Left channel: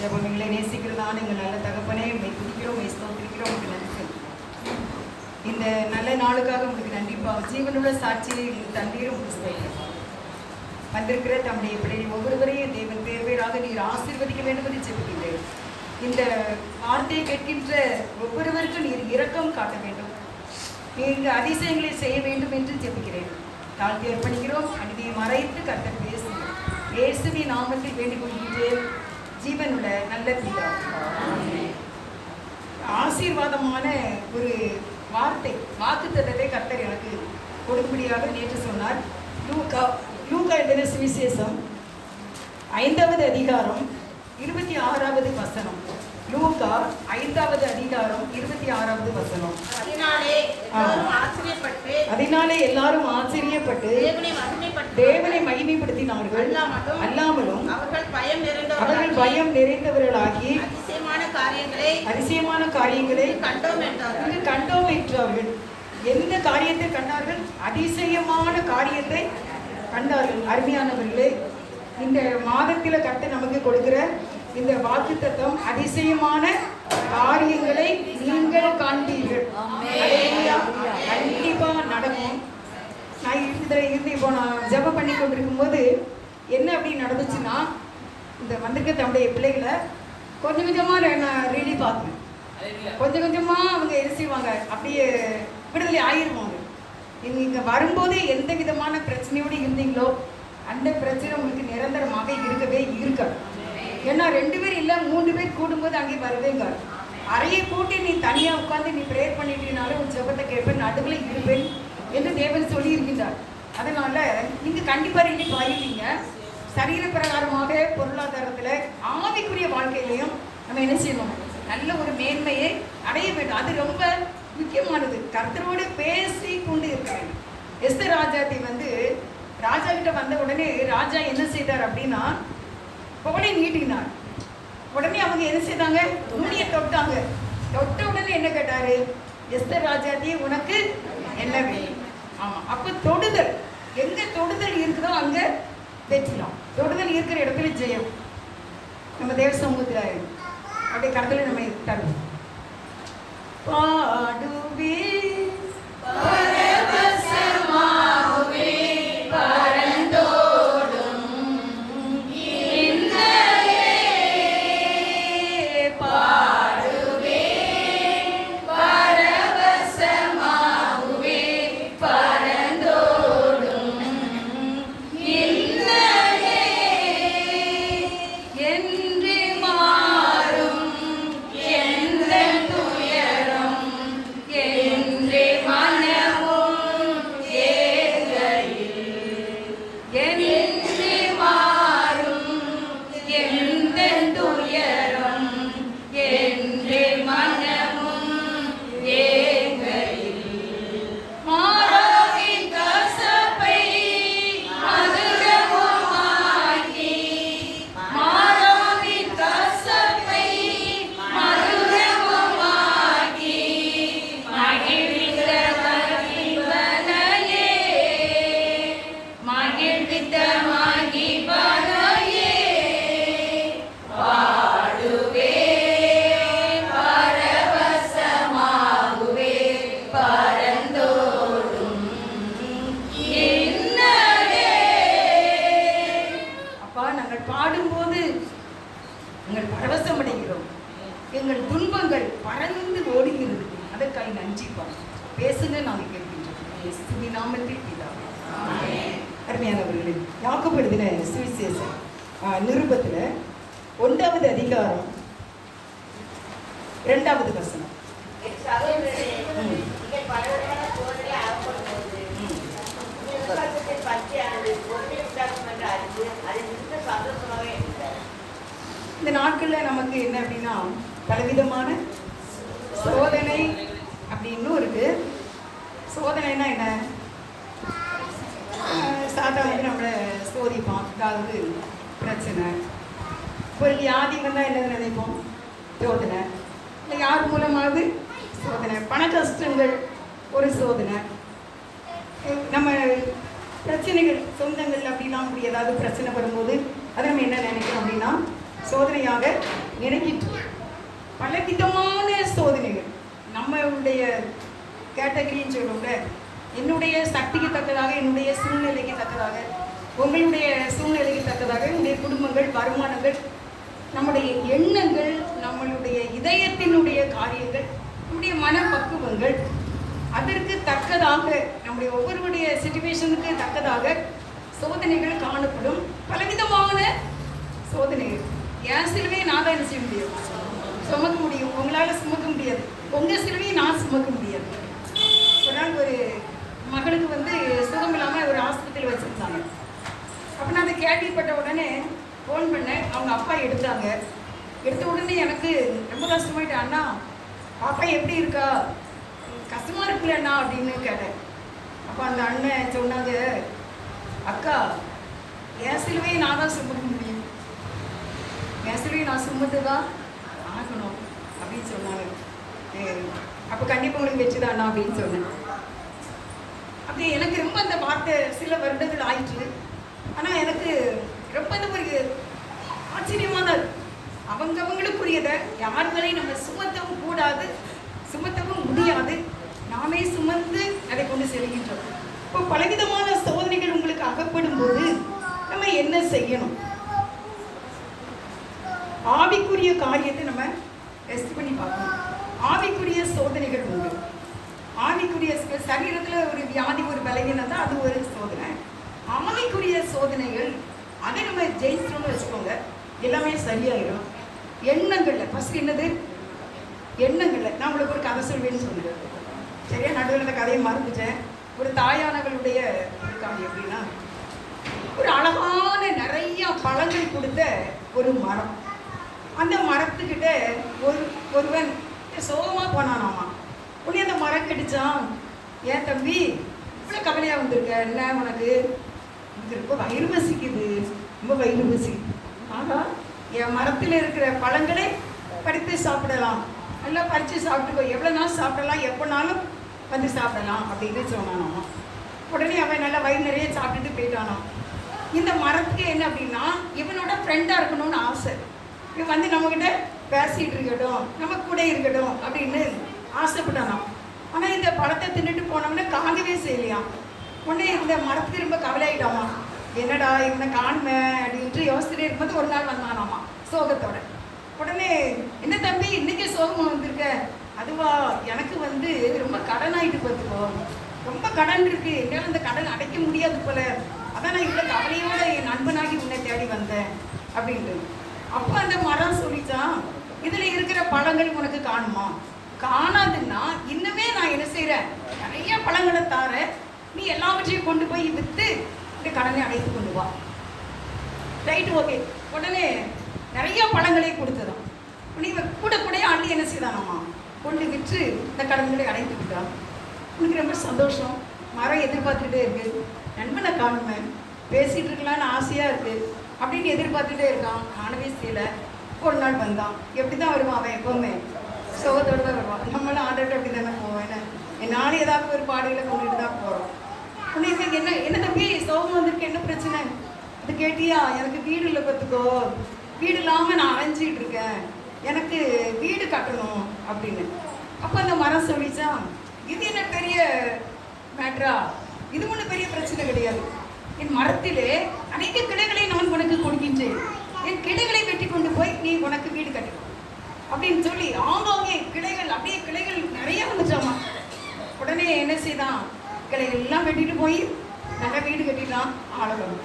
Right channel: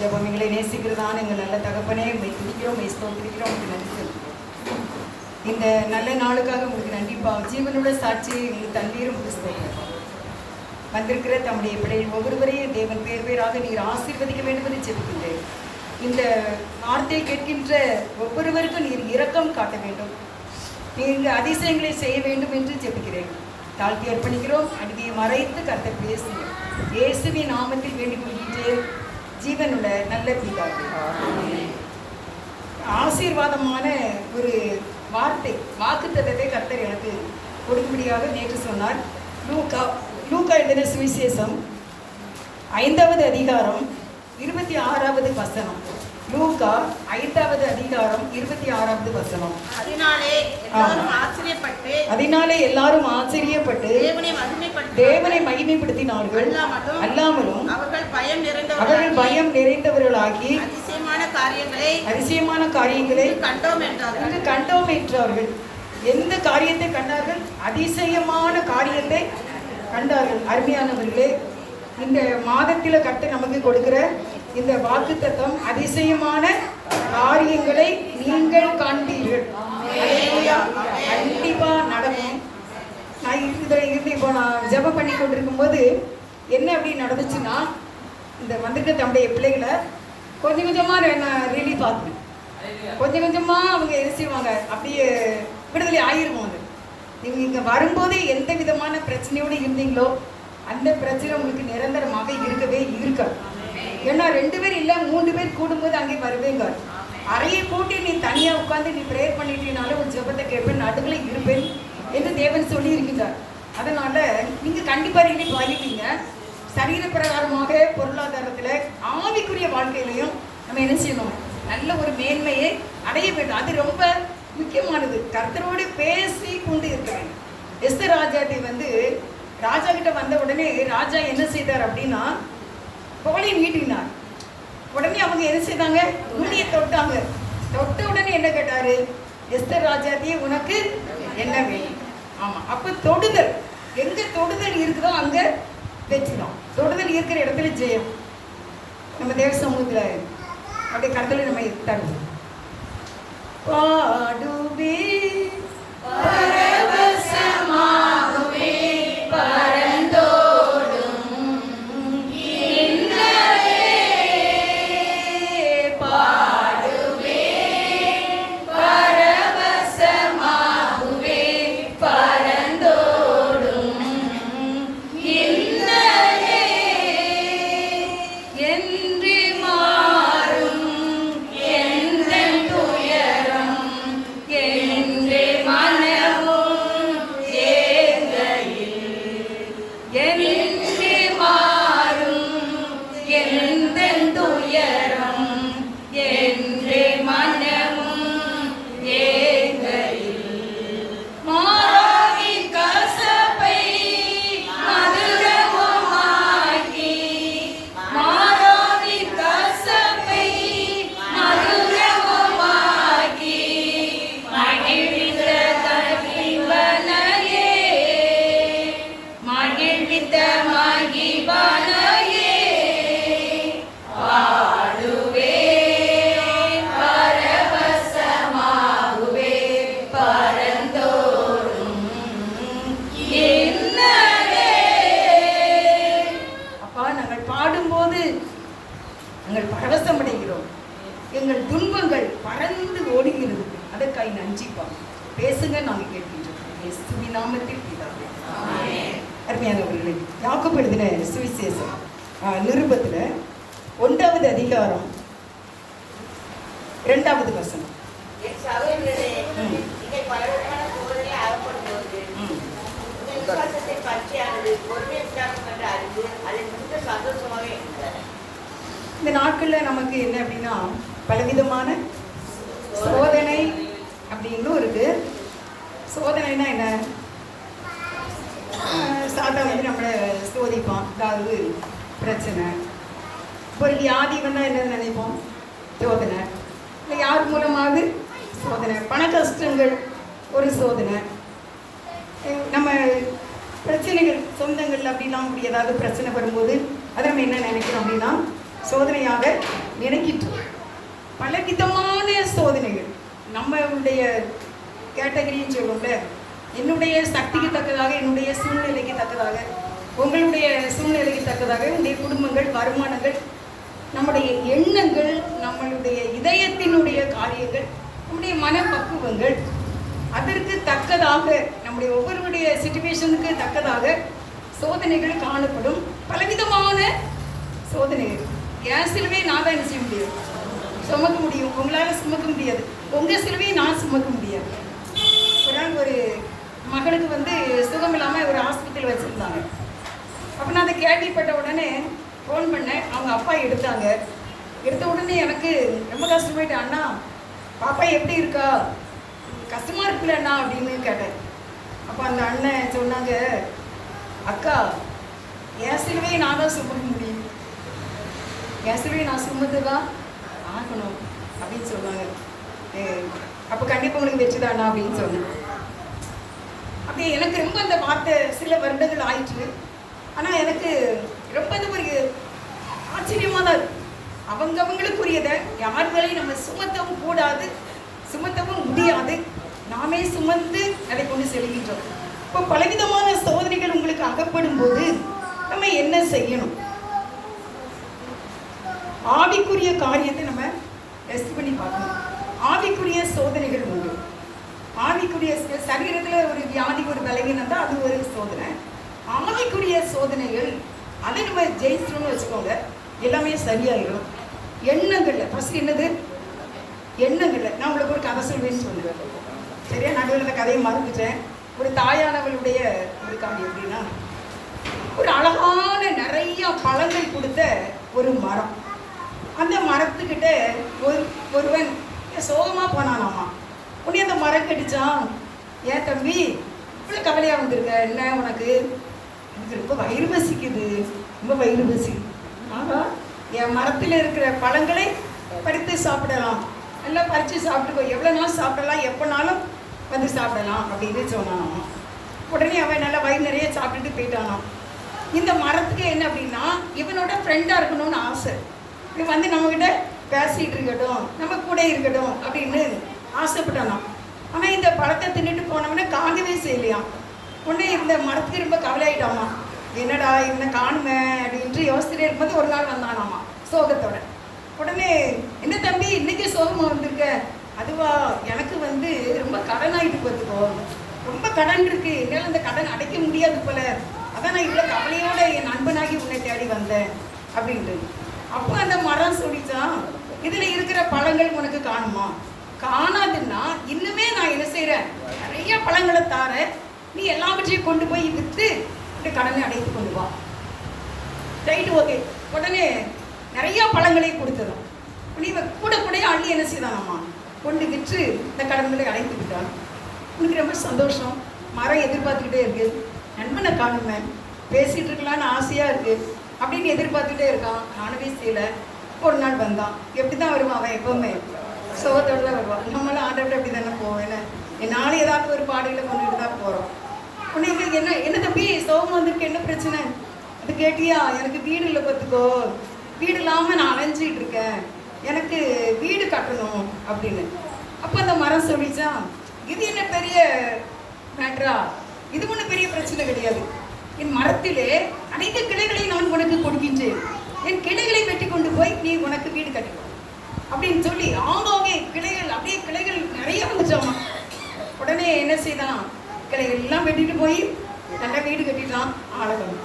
ஜெபம் எங்களை நேசிக்கிறதான எங்கள் நல்ல தகப்பனே, மெய் துதிக்கிறோம், மெய் ஸ்தோத்திரிக்கிறோம், உங்களுக்கு நன்றி சொல்கிறோம். இந்த நல்ல நாளுக்காக உங்களுக்கு நன்றிப்பா. ஜீவனோட சாட்சியை எங்களுக்கு தண்ணீரும் உங்களுக்கு ஸ்தோத்திரம். வந்திருக்கிற தம்முடைய பிள்ளைகள் ஒவ்வொருவரையும் தேவன் பேர் பேராக நீர் ஆசீர்வதிக்க வேண்டும் என்று ஜெபிக்கின்றேன். இந்த வார்த்தையை கேட்கின்ற ஒவ்வொருவருக்கும் நீர் இரக்கம் காட்ட வேண்டும், நீங்க அதிசயங்களை செய்ய வேண்டும் என்று ஜெபிக்கிறேன். தாழ்த்தி அர்ப்பணிக்கிறோம். அநீதியை மறைத்து கர்த்தர் பேசுங்க. இயேசுவின் நாமத்தில் வேண்டிக் கொள்கின்றேன் ஜீவனுள்ள நல்ல பிதாவே. ஆசீர்வாதமான ஒரு வார்த்தை, வாக்குத்தத்தத்தை கர்த்தர் எனக்கு கொடுக்கும்படியாக நேற்று சொன்னார். லூக்கா எழுதின சுவிசேஷம் 5வது அதிகாரம் 26வது வசனம். லூக்கா 5வது அதிகாரம் 26வது வசனம். அதனாலே எல்லாரும் ஆச்சரியப்பட்டு தேவனை மகிமைப்படுத்தினார்கள். அல்லாமலும் அவர்கள் பயம் நிறைந்தவர்களாகி அதிசயமான காரியங்களை கண்டோம் என்றார்கள். எந்த காரியத்தை கண்டார்கள்? அதிசயமான காரியத்தை கண்டார்கள். அருமையானவர்களே, இந்த மாதத்தில் கர்த்தர் நமக்கு கொடுக்கிற இந்த வாக்குத்தத்தம், அதிசயமான காரியங்களை நீங்கள் காண்பீர்கள். கண்டிப்பா நடக்கும். நான் இருந்து இப்போ நான் ஜெபம் பண்ணி கொண்டிருக்கும் போது என்ன அப்படி நடந்துச்சுன்னா, இந்த வந்திருக்க தம்முடைய பிள்ளைகளை கொஞ்சம் கொஞ்சமாக நான் ரிலீஃப் ஆகுவேன். கொஞ்சம் கொஞ்சமாக அவங்க செய்வாங்க, அப்படியே விடுதலை ஆயிடுவாங்க. நீங்கள் இங்கே வரும்போது எந்த விதமான பிரச்சனையோடு இருந்தீங்களோ அந்த பிரச்சனை உங்களுக்கு நிரந்தரமாக இருக்கவே இருக்காது. ஏன்னா 2 பேர் இல்லை 3 பேர் கூடும்போது அங்கே வருவேங்க. அறையை போட்டு நீ தனியாக உட்காந்து நீ ப்ரேயர் பண்ணிட்டீனாலும் ஒரு ஜெபத்தை கேட்பேன், நடுவில் இருப்பேன் என்று தேவன் சொல்லி இருக்கின்றார். அதனால் நீங்கள் கண்டிப்பாக ரிலீஃப் ஆகிட்டீங்க. சரீர பிரகாரமாக, பொருளாதாரத்தில், ஆவிக்குரிய வாழ்க்கையிலையும் நம்ம என்ன செய்யணும்? நல்ல ஒரு மேன்மையை அடைய வேண்டும். அது ரொம்ப முக்கியமானது. கர்த்தரோடு பேசி கொண்டு இருக்க வேண்டும். எஸ்தர் ராஜாத்தை ராஜா கிட்ட வந்த உடனே ராஜா என்ன செய்தார் அப்படின்னா, கோலை நீட்டினார். உடனே அவங்க என்ன செய்தாங்க? நுனியை தொட்டாங்க. தொட்ட உடனே என்ன கேட்டாரு? எஸ்தர் ராஜாத்தியே உனக்கு என்ன வேணும்? ஆமா, அப்ப தொடுதல், எங்க தொடுதல் இருக்குதோ அங்க வெற்றிடும். தொடுதல் இருக்கிற இடத்துல ஜெயம். நம்ம தேவ சமூகத்தில் அப்படியே கடத்துல நம்ம தருவோம். பாடுவே பரவசமாகுவே பரந்தோடும் இன்னலே, பாடுவே பரவசமாகுவே பரந்தோடும் இன்னலே, என்று மாறும் எந்தன் துயரம் என்றே மனமும் ஏங்கையில், என்று மாறும் எந்தன் துயரம் என்றே மனமும் ஏங்கையில், மாறாவின் கசப்பை மதுரமாக்கி, மாறாவின் கசப்பை மதுரமாக்கி, மகிழ்வித்த மகிழ்வனையே, மகிழ்வித்த மகிழ்வனையே, பாடுவேன் பரவசமாகுவே பரந்தோடும் என்னலே. அப்பா, நாங்கள் பாடும்போது நாங்கள் பரவசம் அடைகிறோம். எங்கள் துன்பங்கள் பறந்து ஓடுகிறது. அதற்காக நன்றிப்பா. பேசுங்க, நாங்கள் கேட்கின்றோம். இயேசுவின் நாமத்தில் பிதாவே. அருமையானவர்களே, யாக்கோபு எழுதின சுவிசேஷம் நிருபத்தில் 1வது அதிகாரம் 2வது வசனம். இந்த நாட்களில் நமக்கு என்ன அப்படின்னா, பலவிதமான சோதனை அப்படின்னு இருக்கு. சோதனைனா என்ன? சாதா நம்மளை சோதிப்பான். அதாவது பிரச்சனை, ஒரு வியாதி வந்தால் என்ன நினைப்போம்? சோதனை. இல்லை யார் மூலமாவது சோதனை. பண கஷ்டங்கள் ஒரு சோதனை. நம்ம பிரச்சனைகள் சொந்தங்கள் அப்படிலாம் அப்படி ஏதாவது பிரச்சனை வரும்போது அதை நம்ம என்ன நினைக்கிறோம் அப்படின்னா சோதனையாக நினைக்கின்றோம். பலவிதமான சோதனைகள் நம்மளுடைய கேட்டகரின்னு சொல்லுவோம்ல, என்னுடைய சக்திக்கு தக்கதாக, என்னுடைய சூழ்நிலைக்கு தக்கதாக, உங்களுடைய சூழ்நிலைக்கு தக்கதாக, உங்களுடைய குடும்பங்கள், வருமானங்கள், நம்முடைய எண்ணங்கள், நம்மளுடைய இதயத்தினுடைய காரியங்கள், நம்முடைய மனப்பக்குவங்கள், அதற்கு தக்கதாக நம்முடைய ஒவ்வொருடைய சிச்சுவேஷனுக்கு தக்கதாக சோதனைகள் காணப்படும். பலவிதமான சோதனைகள். என் சிலுவையை நான் தான் என்ன செய்ய முடியும்? சுமக்க முடியும். உங்களால் சுமக்க முடியாது. உங்கள் சிலுவையை நான் சுமக்க முடியாது. ஒரு நாள் ஒரு மகனுக்கு சுகம் இல்லாமல் ஒரு ஹாஸ்பிட்டல் வச்சுருந்தாங்க. அப்போ நான் அதை கேள்விப்பட்ட உடனே ஃபோன் பண்ணேன். அவங்க அப்பா எடுத்தாங்க. எடுத்த உடனே எனக்கு ரொம்ப கஷ்டமாயிட்டு, அண்ணா பாப்பா எப்படி இருக்கா, கஷ்டமாக இருக்குல்ல அண்ணா அப்படின்னு கேட்டேன். அப்போ அந்த அண்ணன் சொன்னாங்க, அக்கா என் சிலுவையை நான் தான் சுமக்க முடியும், என் சிலுவையை நான் சுமந்து தான் ஆகணும் அப்படின்னு சொன்னாங்க. அப்போ கண்டிப்பாக உங்களுக்கு வச்சுதாண்ணா அப்படின்னு சொன்னேன். அப்படியே எனக்கு ரொம்ப அந்த வார்த்தை சில வருடங்கள் ஆயிடுச்சு. ஆனால் எனக்கு ரொம்ப ஒரு ஆச்சரியமாக தான் இருக்கு. அவங்களுக்குரியதை யார் மேலேயும் நம்ம சுமத்தவும் கூடாது, சுமத்தவும் முடியாது. நாமே சுமந்து அதை கொண்டு செல்கின்றோம். இப்போ பலவிதமான சோதனைகள் உங்களுக்கு அகப்படும் போது நம்ம என்ன செய்யணும்? ஆவிக்குரிய காரியத்தை நம்ம டெஸ்ட் பண்ணி பார்க்கணும். ஆவிக்குரிய சோதனைகள் உண்டு. ஆவிக்குரிய சரீரத்தில் ஒரு வியாதி, ஒரு பலவீனம் தான் அது ஒரு சோதனை. ஆவிக்குரிய சோதனைகள் அதை நம்ம ஜெயிச்சிட்டோம்னு வச்சுக்கோங்க, எல்லாமே சரியாயிடும். எண்ணங்களில் ஃபர்ஸ்ட் என்னது? எண்ணங்களில். நான் உங்களுக்கு ஒரு கதை சொல்வேன்னு சொன்னேன். சரியா? நடுவில் கதையை மறந்துட்டேன். ஒரு தாயானவளுடைய ஒரு காரியம் எப்படின்னா, ஒரு அழகான நிறைய பழங்கள் கொடுத்த ஒரு மரம். அந்த மரத்துக்கிட்ட ஒருவன் சோகமாக போனானாமா. உடனே அந்த மரம் கடிச்சான். ஏன் தம்பி இவ்வளோ கவலையாக வந்திருக்க, என்ன உனக்கு? எனக்கு ரொம்ப வயிறு பசிக்குது, ரொம்ப வயிறு பசிக்குது. ஆகா, என் மரத்தில் இருக்கிற பழங்களை பறித்து சாப்பிடலாம், நல்லா பறித்து சாப்பிட்டுக்கோ, எவ்வளோ நாள் சாப்பிடலாம், எப்போனாலும் சாப்பிடலாம் அப்படின்னு சொன்னானாமா. உடனே அவன் நல்லா வயிறு நிறைய சாப்பிட்டுட்டு போயிட்டானாம். இந்த மரத்துக்கு என்ன அப்படின்னா, இவனோட ஃப்ரெண்டாக இருக்கணும்னு ஆசை. இவன் நம்மக்கிட்ட பேசிகிட்டு இருக்கட்டும், நம்ம கூட இருக்கட்டும் அப்படின்னு ஆசைப்பட்டானாம். ஆனால் இந்த பழத்தை தின்னுட்டு போனவனே காணவே செய்யலையாம். உடனே இந்த மரத்துக்கு ரொம்ப கவலையாயிட்டாமா. என்னடா இவனை காணுமே அப்படின்ட்டு யோசிச்சுட்டே இருக்கும்போது ஒரு நாள் வந்தானாமா சோகத்தோட. உடனே என்ன தம்பி இன்னைக்கு சோகமாக வந்திருக்க? அதுவா, எனக்கு ரொம்ப கடன் ஆகிட்டு பார்த்துக்கோ, ரொம்ப கடன் இருக்கு, என்னால் அந்த கடன் அடைக்க முடியாது போல, அதான் நான் இவ்வளோ கவலையோட என் நண்பனாகி உன்னை தேடி வந்தேன் அப்படின்ட்டு. அப்போ அந்த மரம் சொல்லிச்சான், இதில் இருக்கிற பழங்கள் உனக்கு காணுமா? காணாதுன்னா இன்னுமே நான் என்ன செய்கிறேன், நிறைய பழங்களை தாரேன், நீ எல்லாவற்றையும் கொண்டு போய் விற்று இந்த கடனை அடைத்து கொண்டு வா. Right, okay. உடனே நிறைய பழங்களை கொடுத்ததும் நீ கூட கூட அள்ளி என்ன செய்தானாமா கொண்டு விற்று இந்த கடன்களை அடைத்து விட்டான். உனக்கு ரொம்ப சந்தோஷம். மரம் எதிர்பார்த்துக்கிட்டே இருக்கு, நண்பனை காணுமே, பேசிகிட்டு இருக்கலான்னு ஆசையாக இருக்குது அப்படின்னு எதிர்பார்த்துக்கிட்டே இருக்கான். காணவே செய்யலை. ஒரு நாள் வந்தான். எப்படி தான் வருவான் அவன்? எப்போவுமே சோகத்தோடு தான் வருவான். நம்மளும் ஆண்டவர்கிட்ட அப்படி தானே போவேன். என்னாலும் ஏதாவது ஒரு பாடைகளை கொண்டுட்டு தான் போகிறோம். உனக்கு என்ன என்ன தம்பி சோகம் வந்திருக்கு, என்ன பிரச்சனை? அது கேட்டியா? எனக்கு வீடு இல்லை பார்த்துக்கோ, வீடு இல்லாமல் நான் அலைஞ்சிட்டு இருக்கேன், எனக்கு வீடு கட்டணும் அப்படின்னு. அப்போ அந்த மரம் சொல்லிச்சான், இது என்ன பெரிய மேட்ரா, இது ஒன்றும் பெரிய பிரச்சனை கிடையாது. என் மரத்திலே அனைத்து கிளைகளை நான் உனக்கு கொடுக்கின்றேன், என் கிளைகளை வெட்டி கொண்டு போய் நீ உனக்கு வீடு கட்டிக்கோ அப்படின்னு சொல்லி ஆங்காங்கே கிளைகள், அப்படியே கிளைகள் நிறைய வந்துச்சாமா. உடனே என்ன செய்தான், கிளைகள் எல்லாம் வெட்டிட்டு போய் நல்லா வீடு கட்டிட்டான். ஆளகணும்.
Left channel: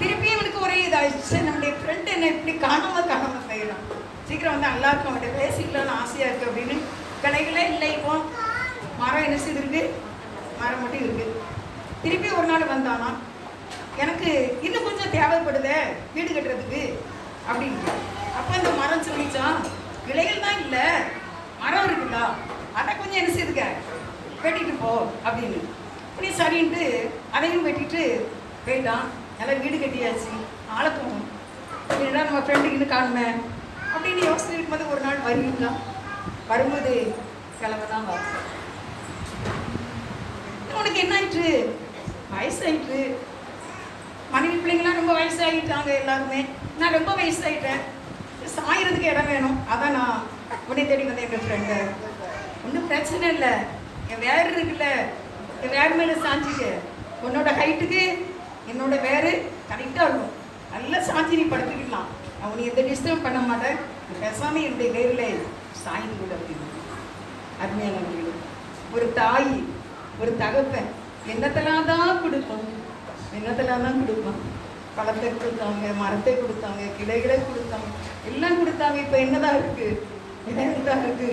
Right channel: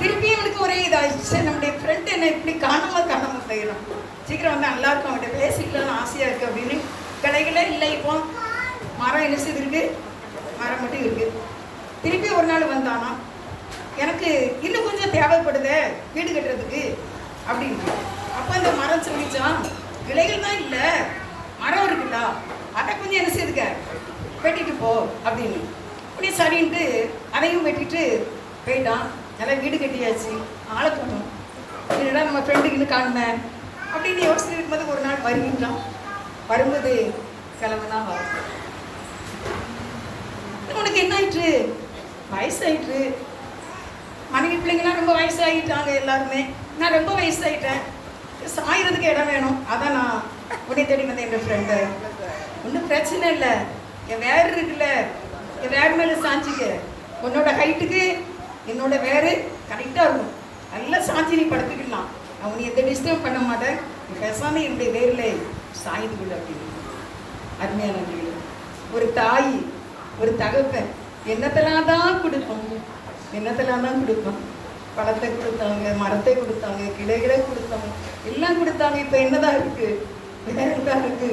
திருப்பி அவனுக்கு ஒரே இதாகிடுச்சு, நம்முடைய ஃப்ரெண்ட் என்ன இப்படி காணாமல் போயிடும், சீக்கிரம் நல்லா இருக்கும், அவன்கிட்ட பேசிக்கலாம்னு ஆசையாக இருக்குது அப்படின்னு. கிளைகளே இல்லை. இப்போ மரம் என்ன செய்திருக்கு, மரம் மட்டும் இருக்குது. திருப்பி ஒரு நாள் வந்தானா, எனக்கு இன்னும் கொஞ்சம் தேவைப்படுதே வீடு கட்டுறதுக்கு அப்படின்ட்டு. அப்போ அந்த மரம் சொல்லிச்சான், கிளைகள் தான் இல்லை, மரம் இருக்குல்ல, அதை கொஞ்சம் என்ன செய்துக்க வெட்டிட்டு போ அப்படின்னு. அப்படி சரின்ட்டு அதையும் வெட்டிட்டு போயிட்டான். நல்லா வீடு கட்டியாச்சு, ஆளை தோணும், இதுதான் நம்ம ஃப்ரெண்டுக்கு இன்னும் காணுமே அப்படின்னு யோசனை இருக்கும்போது ஒரு நாள் வருகின்றான். வரும்போது கிழமை தான் வரும். உனக்கு என்ன ஆயிற்று? வயசாயிற்று, மனைவி பிள்ளைங்களாம் ரொம்ப வயசாகிட்டாங்க எல்லாருமே. நான் ரொம்ப வயசாகிட்டேன், சாயறதுக்கு இடம் வேணும். அதான் நான் உன்னை தேடி வந்தேன். என் ஃப்ரெண்டு ஒன்றும் பிரச்சனை இல்லை, என் வேறு இருக்குல்ல, என் வேறு மேலே சாஞ்சிக்க. உன்னோட ஹைட்டுக்கு என்னோட வேறு கரெக்டாக இருக்கும், நல்லா சாஞ்சி நீ படுத்துக்கலாம். நான் உன்னை எந்த டிஸ்டர்ப் பண்ண மாட்டேன், பேசாமல் என்னுடைய வேரில் சாய்ந்து கொடு அப்படின்னு. அருமையான ஒரு தாய் ஒரு தகப்பன் என்னத்தெல்லாம் தான் கொடுப்பாங்க, என்னத்தெல்லாம் தான் கொடுப்பாங்க. பழத்தை கொடுத்தாங்க, மரத்தை கொடுத்தாங்க, கிளைகளை கொடுத்தாங்க, எல்லாம் கொடுத்தாங்க. இப்போ என்னதான் இருக்கு? வேறதான் இருக்கு.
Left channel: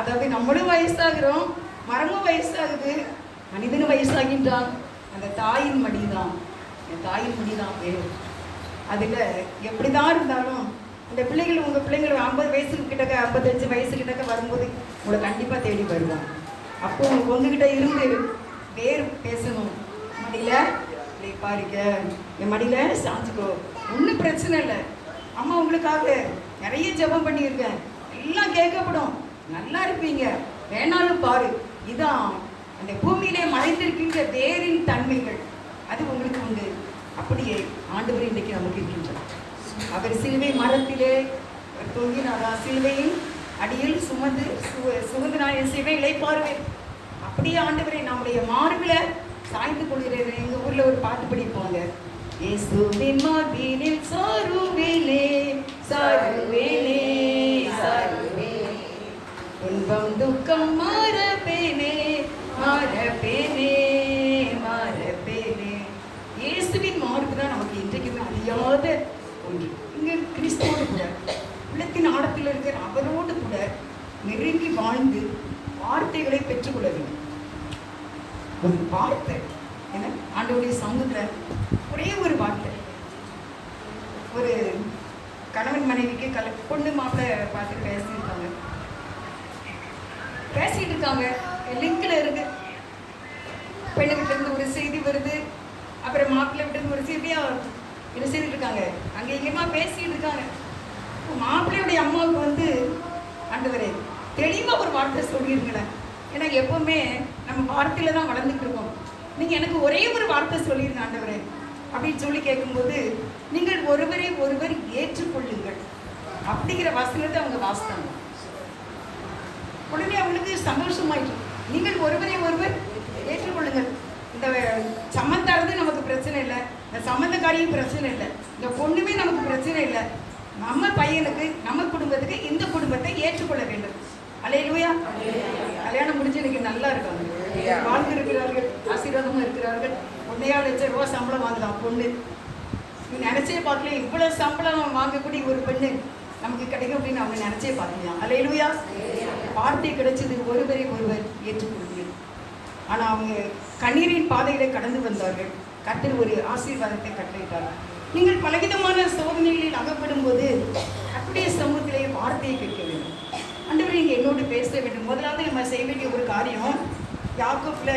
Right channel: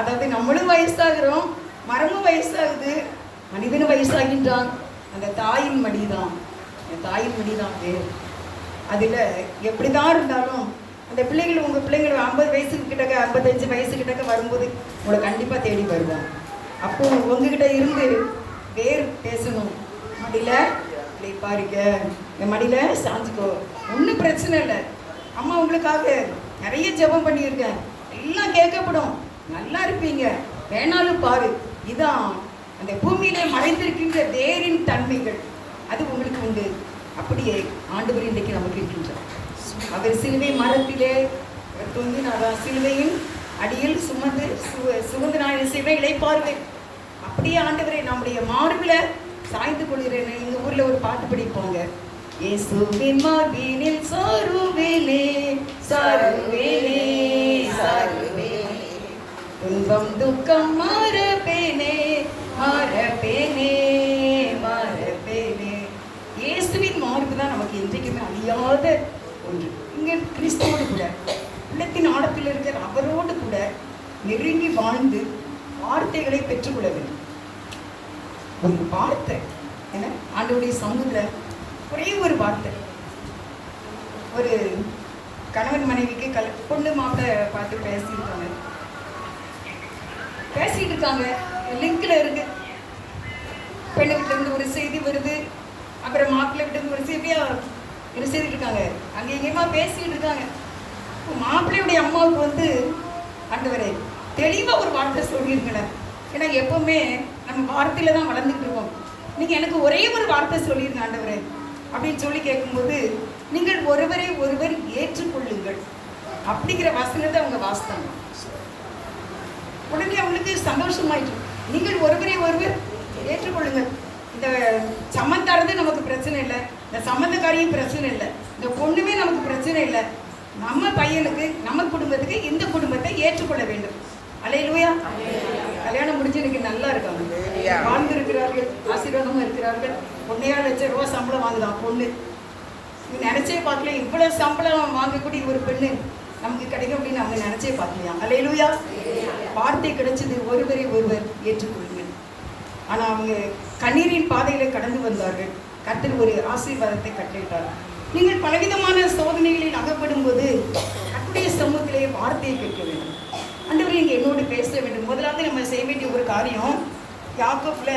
அதாவது நம்மளும் வயசாகிறோம், மரமும் வயசாகுது, மனிதனும் வயசாகின்றான். அந்த தாயின் மடிதான், என் தாயின் மடிதான் வேறு. அதில் எப்படி தான் இருந்தாலும் அந்த பிள்ளைகள், உங்கள் பிள்ளைங்கள் 50 வயசுக்கு கிட்டக்க 55 வயசு கிட்டக்க வரும்போது உங்களை கண்டிப்பாக தேடி வருவாங்க. அப்போ உங்ககிட்ட இருந்து வேறு பேசணும். மடியில் பிள்ளை பாருங்க, என் மடியில் சாஞ்சிக்கோ, ஒன்றும் பிரச்சனை இல்லை, அம்மா உங்களுக்காக நிறைய ஜெபம் பண்ணியிருக்கேன், எல்லாம் கேட்கப்படும், நல்லா இருப்பீங்க, வேணாலும் பாரு. இதான் அந்த பூமியிலே மறைந்திருக்கின்ற வேரின் தன்மைகள், அது உங்களுக்கு உண்டு. அப்படியே ஆண்டவர் இன்றைக்கு நமக்கு இருக்கின்றார். அவர் சிலுவை மரத்திலே அவர் தொங்கினாரா, சிலுவையின் அடியில் சுமந்து நான் சிலுவை இளைப்பாருவேன். அப்படியே ஆண்டவரை நம்முடைய மார்பில் சாய்ந்து கொள்கிறேன். எங்கள் ஊரில் ஒரு பாட்டு படிப்பாங்க, இயேசுவின் மார்பினில் சாருவேலே சாருவேலே சாருவே, துன்பம் துக்கம் மாறப்பேனே மாறப்பேனே மாறப்பேனே. இயேசுவின் மார்பு தான் நமக்கு என்றைக்குமே அழியாத ஒன்று. இங்கே கிறிஸ்துவோடு கூட உள்ளத்தின் ஆழத்தில் இருக்கிற அவரோடு கூட நெருங்கி வாழ்ந்து வார்த்தைகளை பெற்றுக்கொள்ள வேண்டும். ஒரு வார்த்தை என்ன ஆண்டவருடைய சமூகத்தில் ஒரே ஒரு வார்த்தை. ஒரு கணவன் மனைவிக்கு பொண்ணு மாப்பிள்ளை பார்த்து பேசிட்டு இருக்காங்க, லிங்கில் இருக்கு. பெண்ணு வீட்டிலேருந்து ஒரு செய்தி வருது, அப்புறம் மாப்பிள்ளை வீட்டிலேருந்து ஒரு செய்தியா என்ன செய்துட்டு இருக்காங்க, அங்கே எங்கேயுமா பேசிட்டு இருக்காங்க. மாப்பிள்ளையுடைய அம்மாவுக்கு ஆண்டவரே தெளிவாக ஒரு வார்த்தை சொல்லியிருக்கேன். ஏன்னா எப்பவுமே நம்ம வார்த்தையில தான் வளர்ந்துட்டு இருக்கோம். நீங்கள் எனக்கு ஒரே ஒரு வார்த்தை சொல்லிருங்க ஆண்டவரே அப்படின்னு சொல்லி கேட்கும்போது, நீங்கள் ஒருவரை ஒருவர் ஏற்றுக்கொள்ளுங்கள் அப்படிங்கிற வசனத்தை அவங்க வாசித்தாங்க. உடனே அவங்களுக்கு சந்தோஷமாயிட்டு, நீங்கள் ஒருவரை ஒருவர் ஏற்றுக்கொள்ளுங்கள். இந்த சம்மந்தாரது நமக்கு பிரச்சனை இல்லை, இந்த சம்மந்தக்காரியும் பிரச்சனை இல்லை, இந்த பொண்ணுமே நமக்கு பிரச்சனை இல்லை. நம்ம பையனுக்கு, நம்ம குடும்பத்துக்கு இந்த குடும்பத்தை ஏற்றுக்கொள்ள வேண்டும். அல்லேலூயா. கல்யாணம் முடிஞ்சு எனக்கு நல்லா இருக்காங்க, வாழ்ந்து இருக்கிறார்கள், ஆசீர்வாதமா இருக்கிறார்கள். 1.5 லட்சம் ரூபா சம்பளம் வாங்கலாம் பொண்ணு. நினைச்சே பார்க்கல, இவ்வளவு சம்பளம் வாங்கக்கூடிய ஒரு பெண்ணு நமக்கு கிடைக்கும் அப்படின்னு அவங்க நினைச்சே பார்க்கலையா. அல்லேலூயா. வார்த்தை கிடைச்சது, ஒருவரை ஒருவர் ஏற்றுக்கொள்ளுங்கள். ஆனால் அவங்க கண்ணீரின் பாதையில கடந்து வந்தார்கள். கர்த்தர் ஒரு ஆசீர்வாதத்தை கட்டளையிட்டார். நீங்கள் பலவிதமான சோதனைகளில் அகப்படும் போது கர்த்தருடைய சமூகத்திலே வார்த்தையை கேட்க வேண்டும். ஆண்டவரே நீங்க என்னோடு பேச வேண்டும். முதலாவது நம்ம செய்ய வேண்டிய ஒரு காரியம், யாக்கோபுல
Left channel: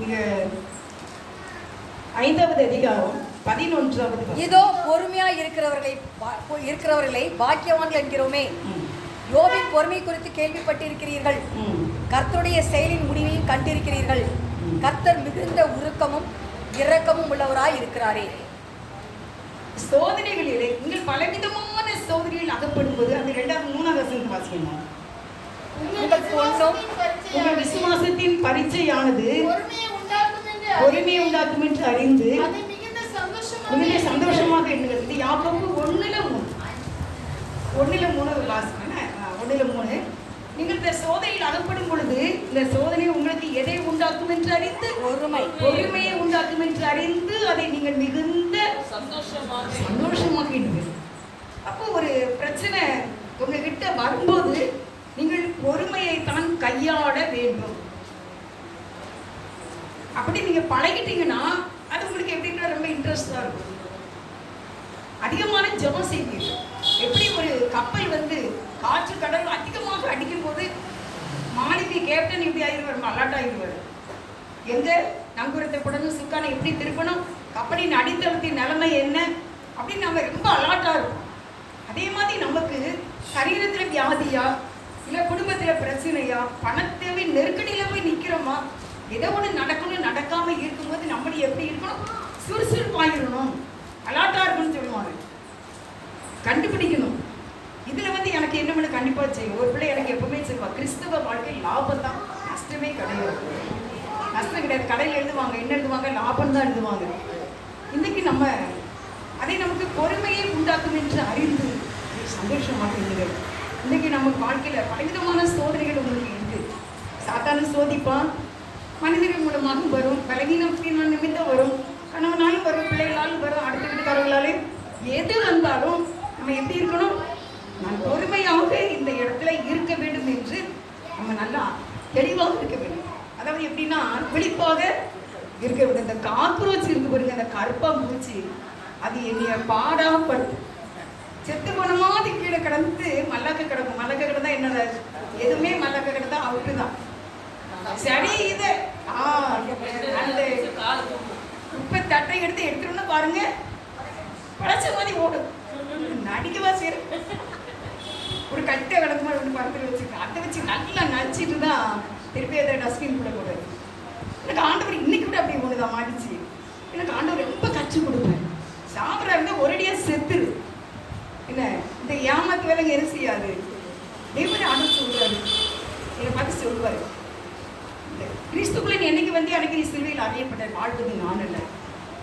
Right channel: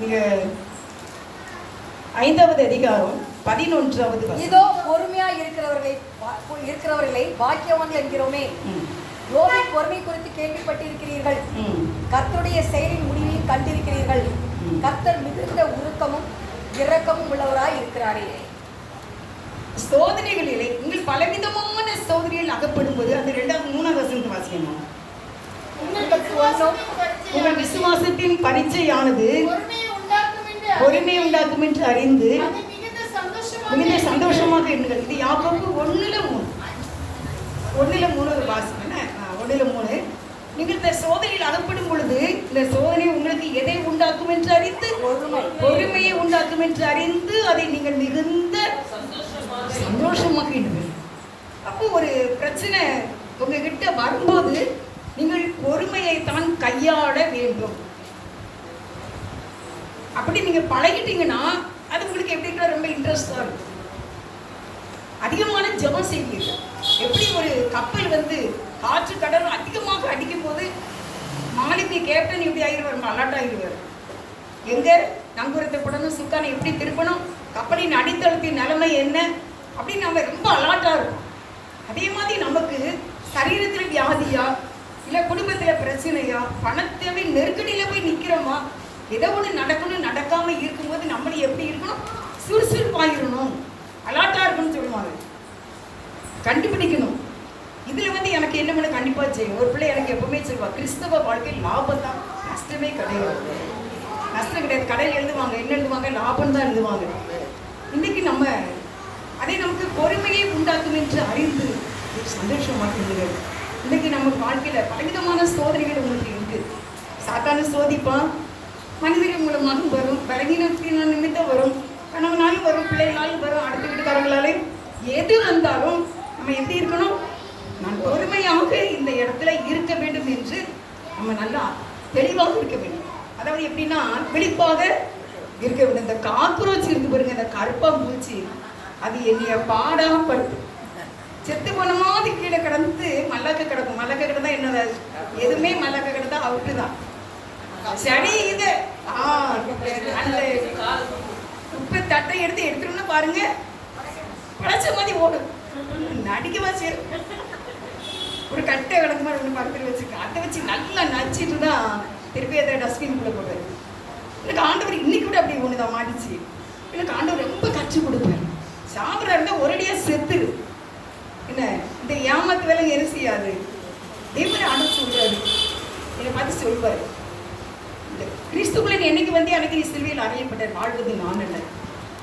நீங்க 5வது அதிகாரம் 11வது. இதோ பொறுமையா இருக்கிறவர்களை பாக்கியவான்கள் என்கிறோமே. யோபின் பொறுமை குறித்து கேள்விப்பட்டிருக்கிறீர்கள், கர்த்தருடைய செயலின் முடிவையும் கண்டிருக்கிறீர்கள். கர்த்தர் மிகுந்த உருக்கமும் இரக்கமும் உள்ளவராய் இருக்கிறாரே. சோதனைகளிலே நீங்கள் பலவிதமான சோதனைகள் அகப்படும் போது அந்த 2வது 3வது வசனத்தை வாசிக்கணும். உங்கள் விசுவாசத்தின் பரீட்சையானது பொறுமை உண்டாக்கும் என்று அறிந்து மிகுந்த சந்தோஷமாக இருங்கள். இது யாக்கோபு 1:3 வாசிக்கணும். 1:3. நீங்கள் இந்த சோதனையில் அகப்படும் பொழுது இந்த சோதனை உங்களுக்கு எதை உண்டாக்கும் என்று அறிந்து, பொறுமையை உண்டாக்கும் என்று அறிந்து அதை நீங்கள் மிகுந்த சந்தோஷமாக இருங்கள். அப்போ ஒரு பிரச்சனை உங்ககிட்ட வரும்போது நீங்கள் பொறுமையை தான் கையாள வேண்டும். அப்படி நீங்க பழகிட்டீங்கன்னா அது உங்களுக்கு எப்படின்னா ரொம்ப இன்ட்ரெஸ்டா இருக்கும். அதிகமான ஜெபம் செய்வீர்கள். எப்படி ஒரு கப்பல் காற்று கடல் அதிகமாக அடிக்கும் போது மாலுமி கேப்டன் எப்படி ஆகிடுவார், அலர்ட் ஆகிடுவார். எங்க நங்கூரத்தை போடணும், சுக்கானை எப்படி திருப்பணும், கப்பலின் அடித்தளத்தின் நிலைமை என்ன அப்படின்னு நம்ம ரொம்ப அலர்ட்டாக இருக்கும். அதே மாதிரி நமக்கு சரீரத்தில் வியாதியா, இல்லை குடும்பத்தில் பிரச்சனையா, பணத்தேவை நெருக்கடியில் போய் நிற்கிறோமா, ஏதோ ஒன்று நடக்கணும், நடக்காமல் இருக்கும்போது நம்மளை எப்படி இருக்கணும், சுறுசுறுப்பாகிடணும், அலாட்டா இருக்கணும்னு சொல்லுவாங்க. கண்டுபிடிக்கணும். இதுல வந்து எனக்கு என்ன பண்ண கண்டிப்பா செய்யும். ஒரு பிள்ளை எனக்கு எப்பவுமே சொல்லுவா, கிறிஸ்தவ வாழ்க்கை லாபம் தான், நஷ்டமே கிடையாது. நஷ்டம் கிடையாது. கடையில் எழுதுவாங்க, என்ன எழுதுவாங்க, லாபம் தான் எழுதுவாங்க. இன்னைக்கு நம்ம அதை நமக்கு பொறுமையை உண்டாக்கும் என்று அறிந்து சந்தோஷமாக இருந்தீர்கள். இன்னைக்கு நம்ம வாழ்க்கையில பலவிதமான சோதனைகள் உங்களுக்கு இருக்கு. சாத்தான சோதிப்பான், மனிதர்கள் மூலமாக வரும், பலவீனத்தின் நிமித்தம் வரும், கணவனாலும் வரும், பிள்ளைகளாலும் வரும், அடுத்த வீட்டுக்காரங்களாலும் எது வந்தாலும் நம்ம எப்படி இருக்கணும்? நான் பொறுமையாக இந்த இடத்துல இருக்க வேண்டும் என்று நம்ம நல்லா தெளிவாக இருக்க வேண்டும். அதாவது எப்படின்னா விழிப்பாக இருக்க வேண்டும். இந்த காக்ரோச் இருந்து பாருங்க, இந்த கருப்பாம்பூச்சி, அது என்னைய பாடாப்படுத்து. செத்து போன மாதிரி கீழே கிடந்து மல்லக்க கிடக்கும். மல்லக்க கிடந்தா என்ன, எதுவுமே மல்லக்க கிடந்தா அவுட்டு தான். சரி, இது அந்த உப்பு தட்டை எடுத்துட்டோம்னு பாருங்க, பழச்ச மாதிரி ஓடும். நடிக்கவா சரி, ஒரு கட்டை கிடக்கு மாதிரி ஒன்று பக்கத்தில் வச்சுருக்கேன். அதை வச்சு நல்லா நடிச்சிட்டு தான் திருப்பி அதை டஸ்ட்பின்குள்ளே போடுறது. எனக்கு ஆண்டவர் இன்னைக்கு கூட அப்படி ஒன்று தான் மாறிச்சு. எனக்கு ஆண்டவர் ரொம்ப கற்றுக் கொடுப்பேன். சாப்பிட்றா இருந்தால் ஒரேடியாக செத்துரு. என்ன இந்த ஏமாத்து வேலை எது செய்யாது. தேவனை ஆண்டவர் சொல்கிறாரு, என்னை பார்த்து சொல்வார், இந்த கிறிஸ்துக்குள்ள நீ என்னைக்கு வந்து அன்னைக்கு நீ சிலுவையில் அறையப்பட்ட வாழ்வது நான் இல்லை.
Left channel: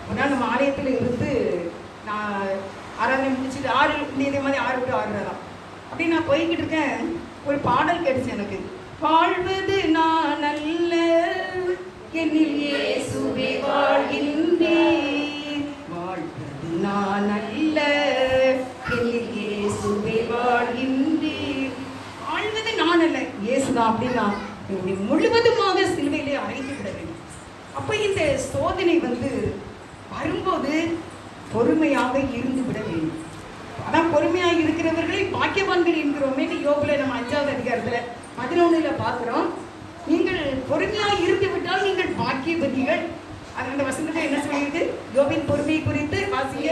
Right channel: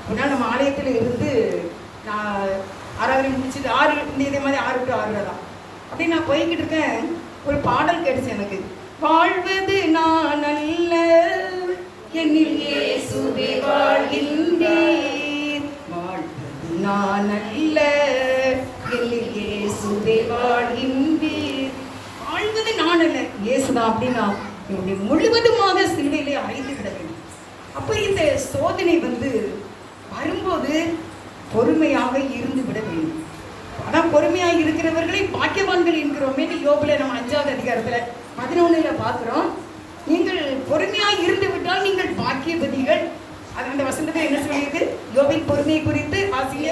ஒரு நாள் நம்ம ஆலயத்தில் இருந்து நான் ஆராதனை முடிச்சுட்டு 6 இதே மாதிரி 6 to 6 தான் அப்படி நான் போய்கிட்டு இருக்கேன். ஒரு பாடல் கேட்டுச்சு எனக்கு, வாழ்வது நான் அல்ல என்னில் இயேசுவே வாழ்கின்றீர், வாழ்வது நான் அல்ல என்னில் இயேசுவே வாழ்கின்றீர், வாழ்வது நான் அல்ல இயேசுதான் அப்படின்னா முழுவதுமாக சிலுவையிலே அறைந்து விட வேண்டும். அப்போ இந்த சோதனை வந்து வரும்போது பொறுமையாக இருந்து விட வேண்டும். அதான் பொறுமையாக இருக்கிறவர்களை பாக்கியவான்கள் என்கிறோமே. யோபுல நம்ம 5வது அதிகாரத்தில் 11 பார்க்குறோம். நீங்கள் பொறுமையாக இருந்து விட்டால் நீங்கள் பாக்கியவதிகள். அது அந்த வசனத்தை என்ன சொல்லியிருக்கு? யோபின் பொறுமையை குறித்து வாசிங்க.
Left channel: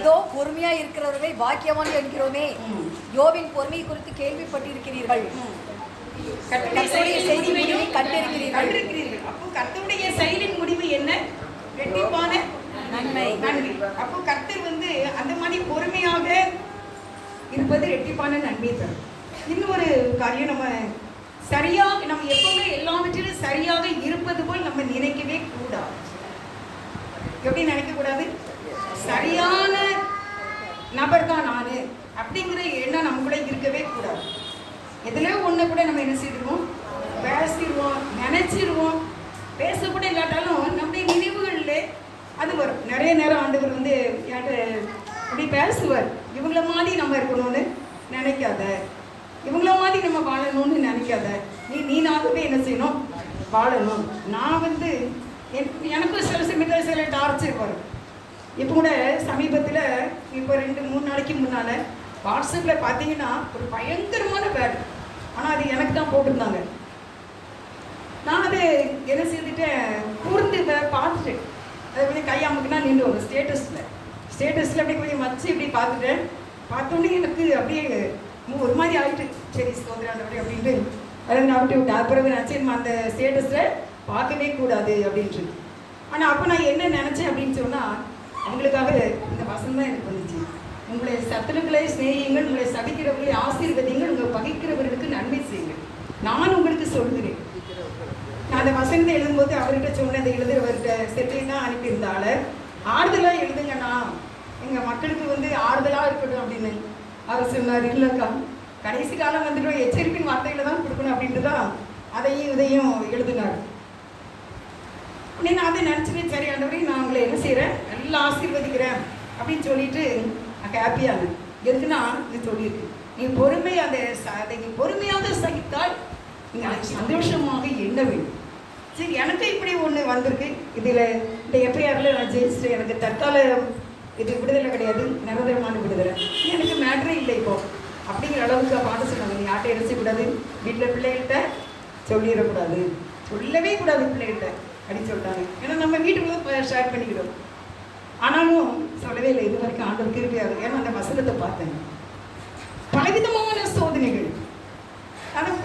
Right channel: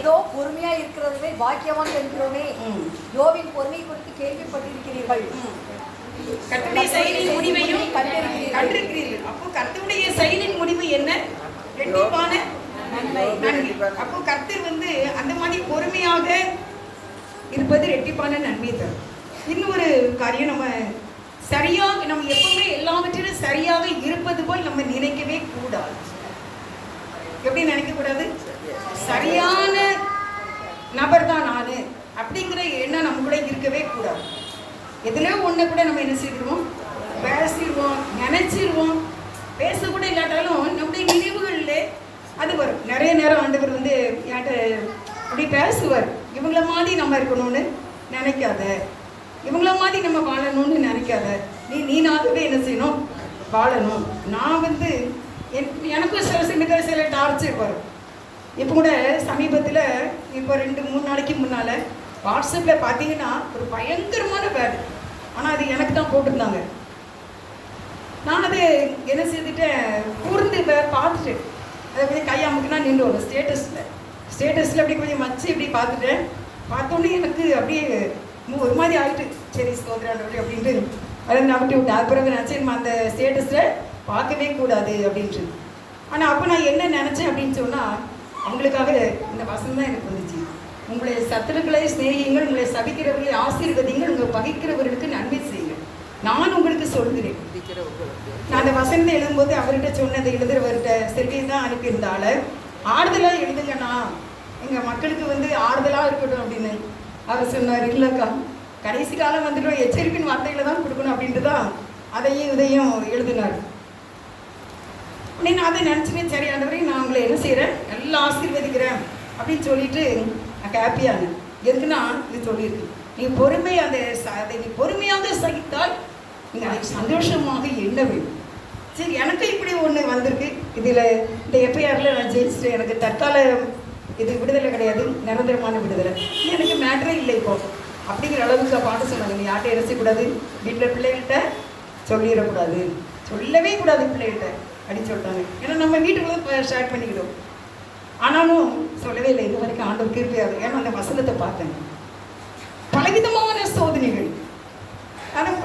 இதோ பொறுமையா இருக்கிறவர்களை பாக்கியவான்கள் என்கிறோமே, யோபின் பொறுமை குறித்து கேள்விப்பட்டிருக்கிறீர்கள், கர்த்தருடைய செயலின் முடிவையும் கண்டிருக்கிறீர்கள். அப்போ கர்த்தருடைய செயலின் முடிவு என்ன? ரெட்டிப்பான நன்மை. அப்போ கர்த்தர் வந்து அந்த மாதிரி பொறுமையாக இருப்பது ரெட்டிப்பான நன்மை தரும். இன்னொரு காரியம், நம்ம சரியாக நம்ம எப்பவுமே எல்லாவற்றிலும் சரியாக இருப்பது போல் நம்ம நினைக்கவே கூடாது. எப்படி நினைக்க கூடாது? சரியான நபர் தான் நான் அப்படிங்கிற எண்ணம் நம்ம கூட இருக்கவே கூடாது. எதுல ஒண்ணு கூட நம்ம என்ன செய்திருவோம், பேசிடுவோம், நினைச்சிருவோம். பேசக்கூட இல்லாட்டாலும் நம்முடைய நினைவுகள்ல அது வரும். நிறைய நேரம் ஆண்டவர் வந்து என்கிட்ட அப்படி பேசுவார், இவங்கள மாதிரி நம்ம இருக்கணும்னு நினைக்காத, இவங்கள மாதிரி நம்ம வாழணும்னு நினைக்காத, நீனாகவே என்ன செய்யணும், வாழணும். நான் வந்து எனக்கும் சில சமயத்தில் சில டார்ச்சர் வரும். இப்போ கூட சமீபத்தில் இப்போ 2-3 நாளைக்கு முன்னால் வாட்ஸ்அப்பில் பார்த்தீங்கன்னா ஒரு பயங்கரமான பேட், ஆனால் அது எனக்கு தான் போட்டிருந்தாங்க. நான் அது என்ன செய்துட்டேன், கூர்ந்து பார்த்துட்டேன். அதை கொஞ்சம் கை அமுக்குனா நின்று வரும் ஸ்டேட்டஸில் அப்படி கொஞ்சம் வச்சு இப்படி பார்த்துட்டேன். பார்த்தோன்னே எனக்கு அப்படியே ஒரு மாதிரி ஆகிட்டு, சரி சோதராண்டபடி அப்படின்ட்டு அதை நான் அப்படி விட்டேன். அது பிறகு நினச்சி நம்ம அந்த ஸ்டேட்டஸில் பார்க்கவே கூடாது அப்படின்ட்டு. ஆனால் அப்போ நான் என்ன நினச்சேன் அப்படின்னு சொன்னால், அவங்களுக்காக இந்த வசனம் தான் எனக்கு வந்துச்சு. உங்களை சத்துருக்களை சிநேகியுங்கள், உங்களை சபிக்கிறவர்களை ஆசீர்வதிங்கள், உங்களை பகைக்கிறவர்களுக்கு நன்மை செய்யுங்கள், நான் உங்களுக்கு சொல்கிறேன். நான் அந்த வசனத்தை எழுதும்போது அவர்கிட்ட சொன்னதை எழுதுறவர்கிட்ட செல்வியை தான் அனுப்பியிருந்தால, ஆறுதலாக எழுதுங்கண்ணா, எங்கள் மக்களுக்கு வந்து ஆறுதலாக இருக்கட்டும் அப்படின்னு. அவர் சொன்னார், இல்லைக்கா கடைசி காலம் வந்துட்டோம், எச்சரிப்பின் வார்த்தைகளை தான் கொடுக்கணும் அப்படின்ட்டு தான் அதையும் இதையும் எழுதினார். அப்படின்னு அதை நினச்சிட்டு, சரி ஆண்டவரே நான் உங்களை என்ன செய்கிறேன், நல்லா ஆசீர்வதிக்கிறேன் அப்படின்னு சொல்லிட்டு நான் ஹாப்பியானேன். எதுக்குன்னா இது சொல்லியிருக்கு, நீ பொறுமை அதை நீ பொறுமையாக சகித்தால் நீங்கள் சந்தோஷமாக எண்ண வேண்டும். சரி, எனக்கு இப்படி ஒன்று வந்திருக்கு, இதில் இந்த எஃப்ஐஆரில் நான் ஜெயிச்சிட்டேன், எனக்கு தற்கால இது விடுதலை கிடையாது, நிரந்தரமான விடுதலை, எனக்கு மேட்ரே இல்லை இப்போ அப்படிங்கிற அளவுக்கு பாட்டு சொன்னாங்க. நீ யார்கிட்ட இறைச்சிக்கூடாது, வீட்டில் பிள்ளைகள்கிட்ட சொல்லிடக்கூடாது, சொல்லவே கூடாது பிள்ளைகள்கிட்ட அப்படின்னு சொல்லிட்டாங்க. ஏன்னா நம்ம வீட்டுக்குள்ளே ஷேர் பண்ணிக்கிட்டோம். ஆனாலும் சொல்லவே இல்லை இது வரைக்கும், ஆண்டவர் கிருபையாக. ஏன்னா அந்த வசனத்தை பார்த்தேன். பலவிதமான சோதனைகள்.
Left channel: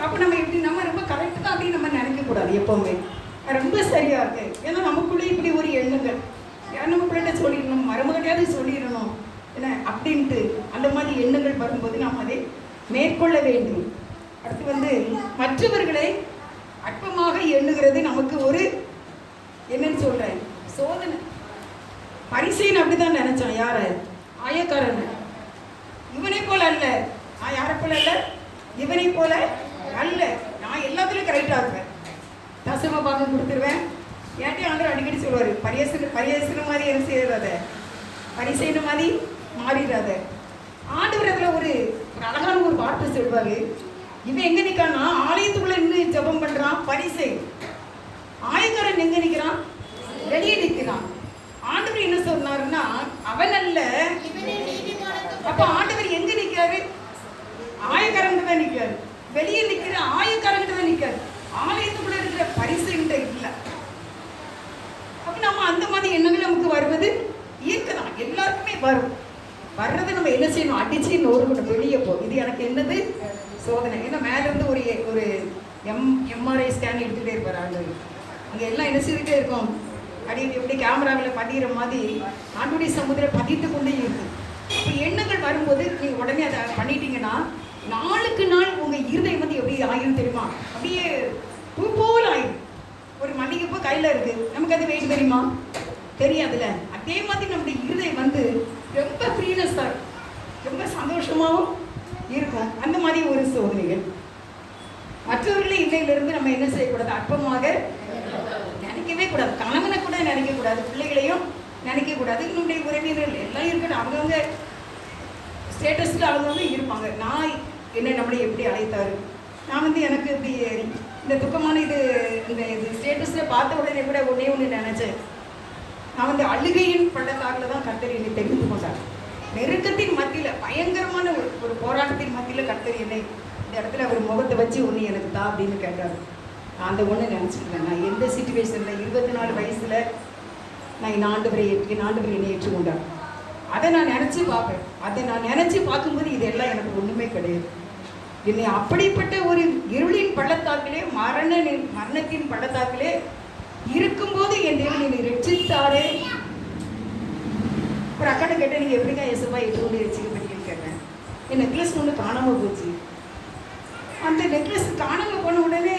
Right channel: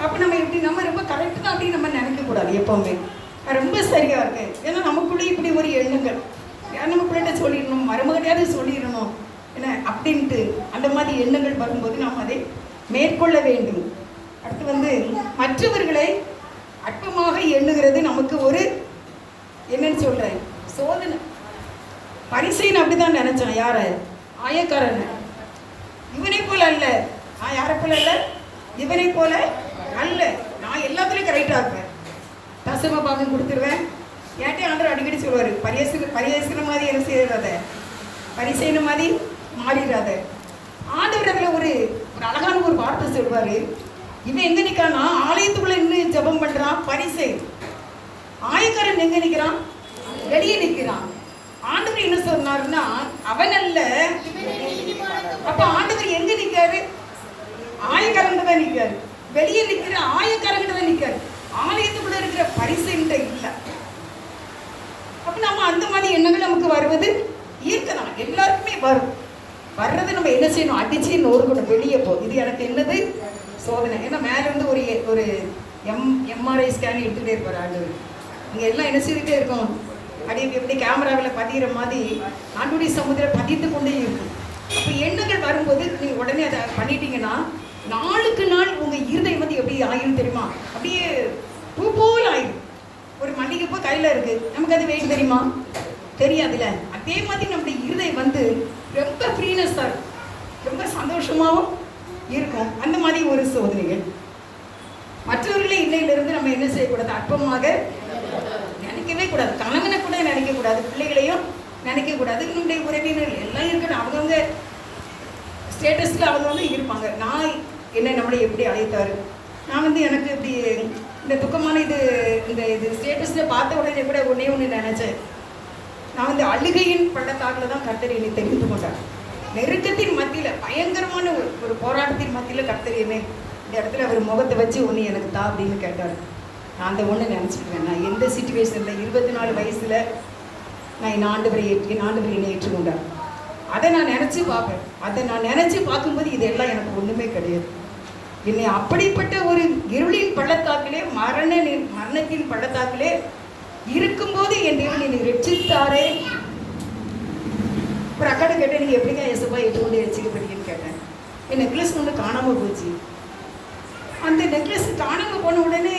அப்போ நம்ம எப்படி நம்ம ரொம்ப கரெக்டு தான் அப்படின்னு நம்ம நினைக்கக்கூடாது. எப்போவுமே ரொம்ப சரியாக இருக்கு. ஏன்னா நமக்குள்ளே இப்படி ஒரு எண்ணங்கள், நம்ம பிள்ளைகிட்ட சொல்லிடணும், மருமகட்டையாவது சொல்லிடணும் என்ன அப்படின்ட்டு அந்த மாதிரி எண்ணங்கள் வரும்போது நாம் அதை மேற்கொள்ள வேண்டும். அடுத்து மற்றவர்களை அற்பமாக எண்ணுகிறது நமக்கு ஒரு என்னன்னு சொல்றேன் சோதனை. பரிசைன்னு அப்படிதான் நினைச்சான். யார? ஆயக்காரன். இவனை போல அல்ல, நான் யாரை போல அல்ல, இவனை போல அல்ல, நான் எல்லாத்துலேயும் கரெக்டாக இருப்பேன், தசம பாகம் கொடுத்துருவேன். ஏன்ட்டே ஆண்டவர் அடிக்கடி சொல்லுவார், பரிசன மாதிரி என்ன செய்யறாத, பரிசைன மாதிரி மாறிடாத. ஆண்டவர் அதில் ஒரு அழகான ஒரு வார்த்தை சொல்வார். இவன் எங்கே நிற்கான்னா ஆலயத்துக்குள்ள இன்னும் ஜபம் பண்ணுறான் பரிசை. ஆயக்காரன் எங்கே நிற்கிறான்? வெளியே நிற்கிறான். ஆண்டவர் என்ன சொன்னாருன்னா அவன் அல்ல. அப்ப ஆண்டவர் எங்க நிற்காரு? ஆயக்காரங்க தான் நிற்காரு. வெளியே நிற்கிற ஆயக்காரங்க தான் நிற்காரு. ஆலயத்துக்குள்ள இருக்கிற பரிசைகிட்ட இல்லை. அப்ப நம்ம அந்த மாதிரி எண்ணங்கள் நமக்கு வருவது இயற்கைதான், எல்லாருக்குமே வரும். வர்றது நம்ம என்ன செய்யணும்? அடிச்சு நோறுக்கணும், வெளியே போ. இது எனக்கு என்னது? சோதனை. ஏன்னா மேல இருந்து ஒரு எம்ஆர்ஐ ஸ்கேன் எடுத்துகிட்டே இருப்பார் ஆண்டவர். இங்கே எல்லாம் என்ன செய்துகிட்டே இருக்கும், எப்படி கேமராவில் பதிகிற மாதிரி ஆண்டுடைய சமுதிரம் பதித்து கொண்டே இருக்கு. அப்போ எண்ணங்கள் வரும்போது நீங்கள் உடனே அதை பண்ணிட்டீங்கன்னா நாளுக்கு நாள் உங்கள் இருதயம் எப்படி ஆயிரும் தெரியுமா? அப்படியே பூ போல் ஆயிடும். ஒரு மல்லிகைப்பூ கையில் இருக்கு, நமக்கு அது வேணும் தெரியுமா? தெரியாதுல்ல. அதே மாதிரி நம்முடைய இருதயம் ரொம்ப ஃப்ரீனஸாக இருக்கும், ரொம்ப சந்தோஷமாகவும் இருக்கும். அந்த மாதிரி ஒரு சோதனைகள். மற்றவர்களே இன்னையிலிருந்து நம்ம என்ன செய்யக்கூடாது? அற்பமாக நினைக்கவே கூடாது. கணவனை கூட நினைக்கக்கூடாது, பிள்ளைகளையும் நினைக்கக்கூடாது. நம்முடைய உறவினர்கள் எல்லாம் இருக்கணும், அவங்கவுங்க ஸ்டேட்டஸில் அவங்கவுங்க இருப்பாங்க. நான் என்ன நம்மளை எப்படி அழைத்தாரு, நான் எனக்கு இப்படி இந்த துக்கமான இந்த ஸ்டேட்டஸில் பார்த்த உடனே கூட ஒன்று நினச்சேன். நான் அழுகையின் பள்ளத்தாக்கில் தான் கர்த்தர் என்னை தெரிந்து கொண்டார். நெருக்கத்தின் மத்தியில், பயங்கரமான ஒரு போராட்டத்தின் மத்தியில் கர்த்தர் என்னை இந்த இடத்துல அவர் முகத்தை வச்சு ஒன்று எனக்கு தா அப்படின்னு கேட்டார். நான் அந்த ஒன்று நினச்சிக்குவேன். நான் எந்த சிச்சுவேஷனில் 24 வயசில் நான் என் ஆண்டவரை என்னை ஏற்றுக்கொண்டார். அதை நான் நினச்சி பார்ப்பேன். அதை நான் நினச்சி பார்க்கும்போது இதெல்லாம் எனக்கு ஒன்றுமே கிடையாது. என்னை அப்படிப்பட்ட ஒரு இருளின் பள்ளத்தாக்கிலே, மரணத்தின் பள்ளத்தாக்கிலே இருக்கும்போது என் தேவன் என்னை ரட்சித்தாரே. ஒரு அக்காட்ட கேட்டேன், நீங்கள் எப்படிங்க இயேசுப்பா எதுவும் ரட்சிக்கப்பட்டீங்கன்னு கேட்டேன். என் நெக்லஸ் ஒன்று காணாமல் போச்சு. அந்த நெக்லஸ் காணாமல் போன உடனே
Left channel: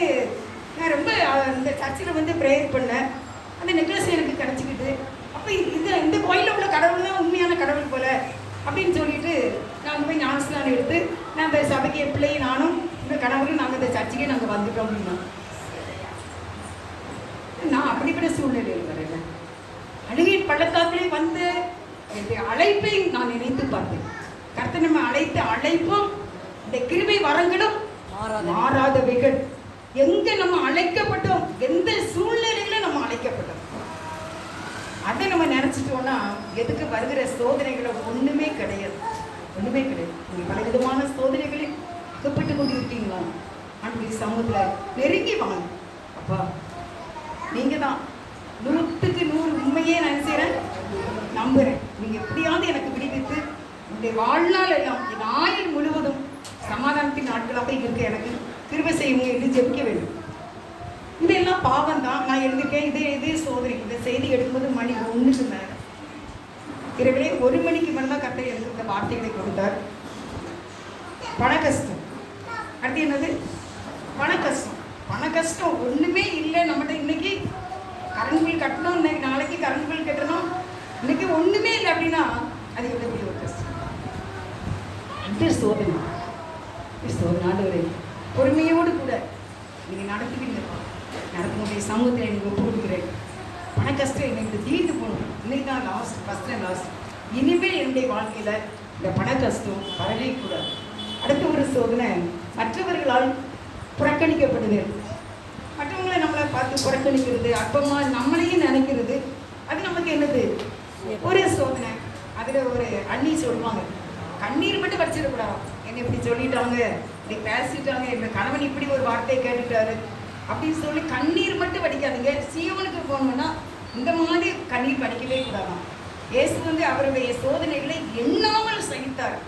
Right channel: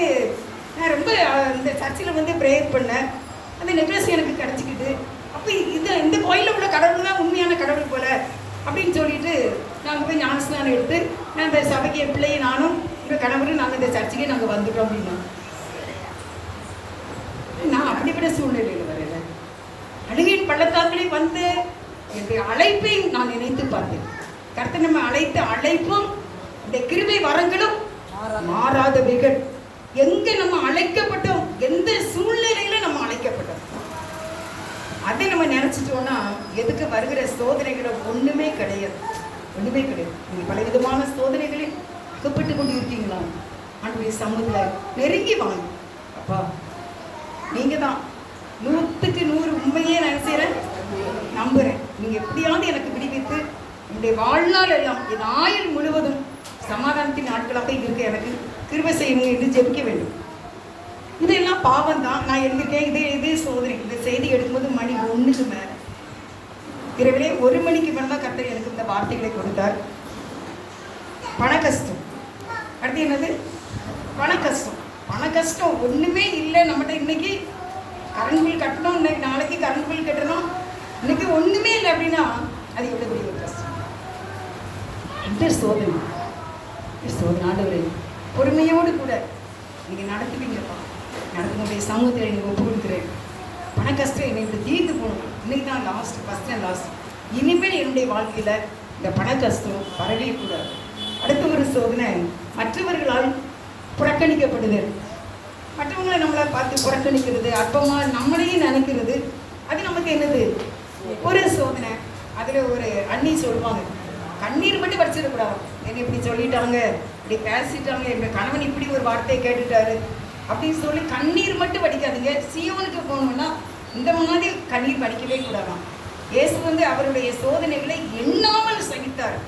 நான் ரொம்ப அந்த சர்ச்சில் ப்ரேயர் பண்ணேன். அந்த நெக்லஸ் எனக்கு கிடச்சிக்கிட்டு, அப்போ இந்த கோயிலில் உள்ள கடவுள் தான் உண்மையான கடவுள் போல அப்படின்னு சொல்லிட்டு நாங்கள் போய் ஞானஸ்நானம் எடுத்து நான் அந்த சபைக்கு என் பிள்ளையை நானும் இந்த கணவரும் நாங்கள் இந்த சர்ச்சுக்கே நாங்கள் வந்துட்டோம் அப்படின்னா. நான் அப்படிப்பட்ட சூழ்நிலையில் வரல. அழுகையின் பள்ளத்தாக்கிலே வந்து என்னுடைய அழைப்பை நான் நினைத்து பார்த்தேன். கர்த்தர் நம்ம அழைத்த அழைப்பும் இந்த கிருபை வரங்களும் மாறாதவைகள். எங்க நம்ம அழைக்கப்பட்டோம், எந்த சூழ்நிலையில நம்ம அழைக்கப்பட்டோம், அதை நம்ம நினைச்சிட்டோம்னா எதுக்கு வருகிற சோதனைகளும் ஒண்ணுமே கிடையாது, ஒண்ணுமே கிடையாது. நீங்க பலவிதமான சோதனைகளில் அகப்பட்டு கொண்டு இருக்கீங்களா? ஆண்டவருடைய சமூகத்துல நெருங்கி வாங்க. அப்பா நீங்க தான் 100க்கு 100 உண்மையே நான் செய்கிறேன், நம்புகிறேன். நீங்கள் எப்படியாவது எனக்கு விடுவித்து என்னுடைய வாழ்நாள் எல்லாம் என் ஆயுள் முழுவதும் சமாதானத்தின் நாட்களாக இருக்க எனக்கு கிருபை செய்யுங்க என்று ஜெபிக்க வேண்டும். இதெல்லாம் பாவம் தான். நான் எழுதிட்டேன். இது சோதனை. இந்த செய்தி எடுக்கும்போது மணி 1க்கு மேலே, இரவிலே 1 மணிக்கு மேலே தான் கர்த்தர் எனக்கு இந்த வார்த்தைகளை கொடுத்தார். பண கஷ்டம். அடுத்து என்னது? பண கஷ்டம். பண கஷ்டம் ஒன்றுமே இல்லை நம்மகிட்ட. இன்னைக்கு கரண்ட் பில் கட்டணும், இன்னைக்கு நாளைக்கு கரண்ட் பில் கட்டணும், இன்னைக்கு ஒன்றுமே இல்லை அப்படின்னா அது எவ்வளோ பெரிய ஒரு கஷ்டம். இந்த சோதனை ஆண்டவரே பொறுமையோடு கூட நீங்கள் நடத்துவீங்கப்பா. நடத்தினுடைய சமூகத்தில் எனக்கு ஒப்பு கொடுக்குறேன். பண கஷ்டம் என்னை இப்படி தீர்த்து போகணும். இன்னைக்கு தான் ஃபஸ்ட் அண்ட் லாஸ்ட். இனிமேல் என்னுடைய வாழ்க்கையில் இந்த பண கஷ்டம் வரவே கூடாது. அடுத்த ஒரு சோதனை மற்றவர்களால் புறக்கணிக்கப்படுதல். மற்றவங்களை நம்மளை பார்த்து புறக்கணிக்கிறது, அற்பமாக நம்மளையும் நினைக்கிறது, அது நமக்கு என்னது? ஒரு சோதனை. அதில் ஒரு அண்ணி சொல்லுவாங்க, கண்ணீர் மட்டும் வச்சிடக்கூடாது. என்னை இப்படி சொல்லிட்டாங்க, இப்படி பேசிட்டாங்க, எங்கள் கணவன் இப்படி ஒரு வார்த்தையை கேட்டுட்டாரு அப்படின்னு சொல்லி கண்ணீர் மட்டும் வடிக்காதீங்க. சீவனுக்கு போகணும்னா இந்த மாதிரி கண்ணீர் வடிக்கவே கூடாதான். இயேசு அவருடைய சோதனைகளை எண்ணாமல் சகித்தார்.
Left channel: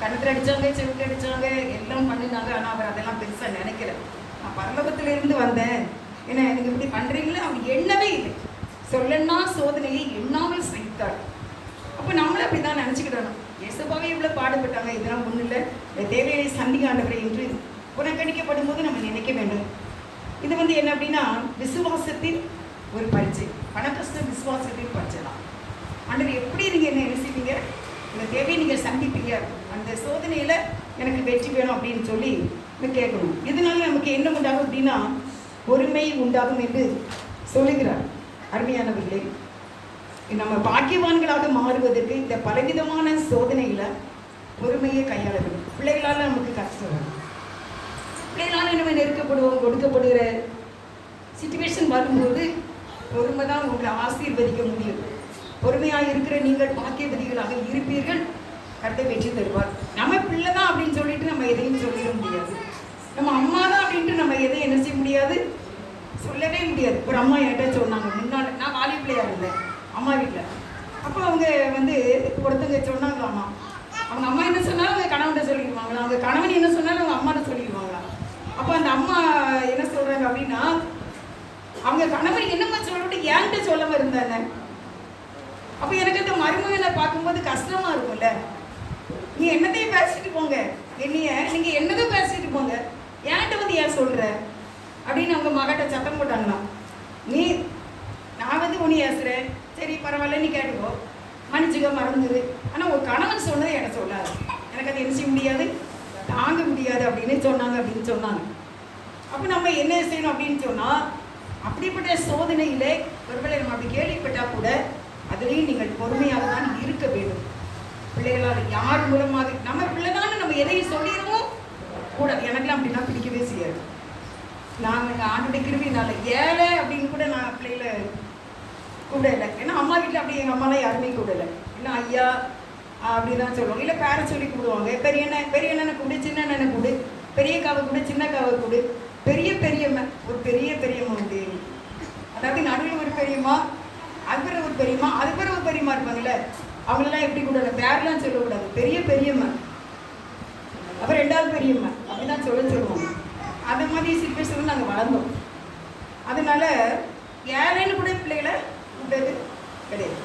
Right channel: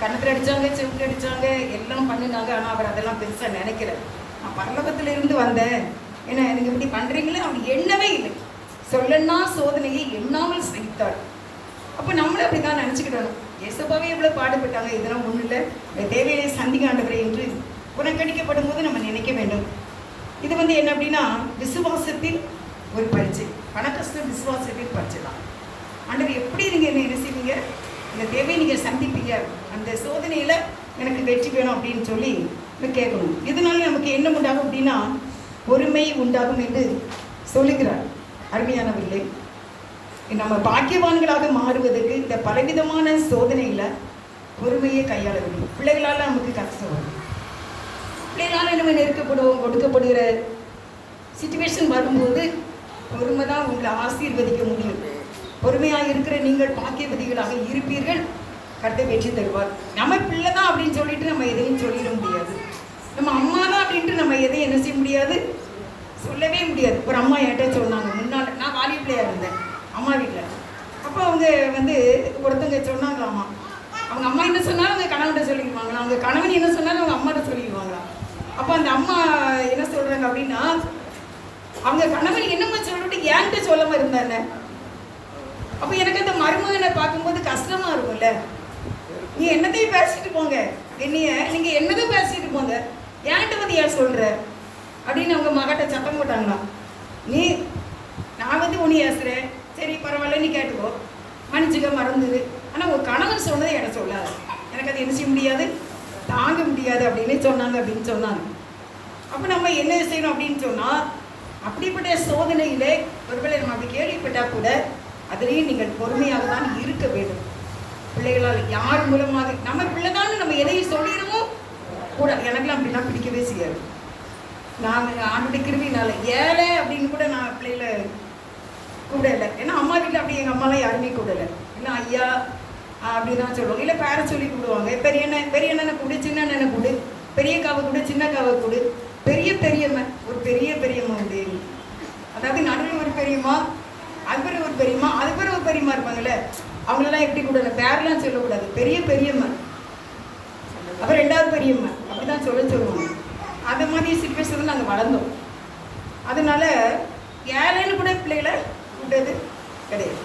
கண்ணத்தில் அடித்தாங்க, செவுக்கு அடித்தாங்க, எல்லாம் பண்ணினாங்க. ஆனால் அவர் அதெல்லாம் பெருசாக நினைக்கல. நான் பரலோகத்திலிருந்து வந்தேன், என்ன எனக்கு இப்படி பண்ணுறீங்களே அவர் எண்ணவே இல்லை. சொல்லன்னா சோதனையை எண்ணாமல் சகித்தாள். அப்போ நம்மளும் அப்படி தான் நினச்சிக்கிடணும். இயேசுவாவே எவ்வளோ பாடுபட்டாங்க, இதெல்லாம் ஒன்றும் இல்லை, இந்த தேவையை சந்திக்க ஆண்டவரே என்று புறக்கணிக்கப்படும் போது நம்ம நினைக்க வேண்டும். இது என்ன அப்படின்னா விசுவாசத்தின் ஒரு பரீட்சை. பணக்கஷ்டம் விசுவாசத்தின் பரீட்சை தான். ஆண்டவர் எப்படி நீங்கள் என்ன செய்வீங்க, இந்த தேவையை நீங்கள் சந்திப்பீங்க, அந்த சோதனையில் எனக்கு வெற்றி வேணும் அப்படின்னு சொல்லி கேட்கணும். இதனால நமக்கு என்ன உண்டாகும் அப்படின்னா பொறுமை உண்டாகும் என்று சொல்லுகிறார். அருமையானவர்களே, நம்ம பாக்கியவான்களாக மாறுவதற்கு இந்த பலவிதமான சோதனையில் பொறுமையை கையாள வேண்டும். பிள்ளைகளால் நமக்கு கஷ்டம் வரும், பிள்ளைகளால் நம்ம நெருக்கப்படுவோம், கொடுக்கப்படுகிற சிச்சுவேஷன் வரும்போது பொறுமை தான் உங்களை ஆசீர்வதிக்க முடியும். பொறுமையாக இருக்கிற நீங்கள் பாக்கியவதிகளாக இருப்பீர்கள், கர்த்தர் வெற்றி தருவார். நம்ம பிள்ளை தான் அப்படின்னு சொல்லிட்டு நம்ம எதையும் சொல்லிட முடியாது. நம்ம அம்மா தான் அப்படின்ட்டு நம்ம எதையும் என்ன செய்ய முடியாது, சொல்லவே முடியாது. ஒரு அம்மா என்கிட்ட சொன்னாங்க, முன்னால் நான் வாலி பிள்ளையாக இருந்தேன் அம்மா வீட்டில். அப்போ அவங்க ஒருத்தங்க சொன்னாங்களாம்மா, அவங்க அம்மா என்ன சொன்னாலும் அவங்க கணவன்கிட்ட சொல்லிடுவாங்களா, அவங்க கணவன் என்ன சொன்னாலும் அவங்க அம்மாட்ட சொல்லிடுவாங்களா. அப்போ அந்த அம்மா என்ன சொல்கிறாங்க அப்படின்னா, அவங்க கணவன் என்னம்மா சொல்லிட்டு என்கிட்ட சொல்லாமல் இருந்தாங்க. அப்போ எனக்கு அந்த மருமகனை பார்க்கும்போது கஷ்டமாக இருக்கும்ல. நீ என்னதையும் பேசிட்டு போங்க, நீங்கள் என்னதான் பேசிட்டு போங்க, என்கிட்ட ஏன் சொல்கிற அப்படின்னு அவங்க மகட்ட சத்தம் போட்டாங்களாம். நான் ஒன்று ஏசுகிறேன், சரி பரவாயில்ல நீ கேட்டுக்கோ, மன்னிச்சுக்க, மறந்துடு. ஆனால் உன் கணவன் சொன்னதை எனக்கு சொல்லாது, எனக்கு அது என்ன செய்ய முடியாது, தாங்க முடியாது அப்படின்னு சொன்னாங்க. அப்போ நம்ம என்ன செய்யணும் அப்படின்னு சொன்னால், அப்படிப்பட்ட சோதனையிலே ஒருவேளை நம்ம அப்படி கேள்விப்பட்டால் கூட அதுலேயும் நீங்கள் பொறுமையாக தான் இருக்க வேண்டும். பிள்ளைகளால் யார் மூலமாக நம்ம பிள்ளை தான் நம்ம எதையும் சொல்லிடுவோம் கூட. எனக்குலாம் அப்படின்னா பிடிக்கவே செய்யாது. நான் ஆண்டுடைய கிருவினால ஏழை அப்படின்னு கூட நான் பிள்ளைகளை கூட இல்லை. ஏன்னா அம்மா வீட்டில் அப்படி எங்கள் அம்மாலாம் யாருமே கூட இல்லை. இல்லை ஐயா அப்படி தான் சொல்லுவோம், இல்லை பேரை சொல்லி கூடுவாங்க. பெரிய அண்ணனை கூடு, சின்ன அண்ணனை கூடு, பெரிய காவை கூடு, சின்ன காவை கூடு, பெரியம்மா, ஒரு பெரியம்மா உண்டு. அதாவது நடுவில் ஒரு பெரியம்மா, அது பிறகு ஒரு பெரியம்மா, அது பிறகு ஒரு பெரியம்மா இருப்பாங்கல்ல, அவங்களெல்லாம் எப்படி கூடல பேரெலாம் சொல்லக்கூடாது, பெரியம்மா, அப்புறம் ரெண்டாவது பெரியம்மா, அப்படி தான் சொல்லுவாங்க. அந்த மாதிரி சிச்சுவேஷன் நாங்கள் வளர்ந்தோம். அதனால ஏழைன்னு கூட பிள்ளைகளை கூட்டது கிடையாது.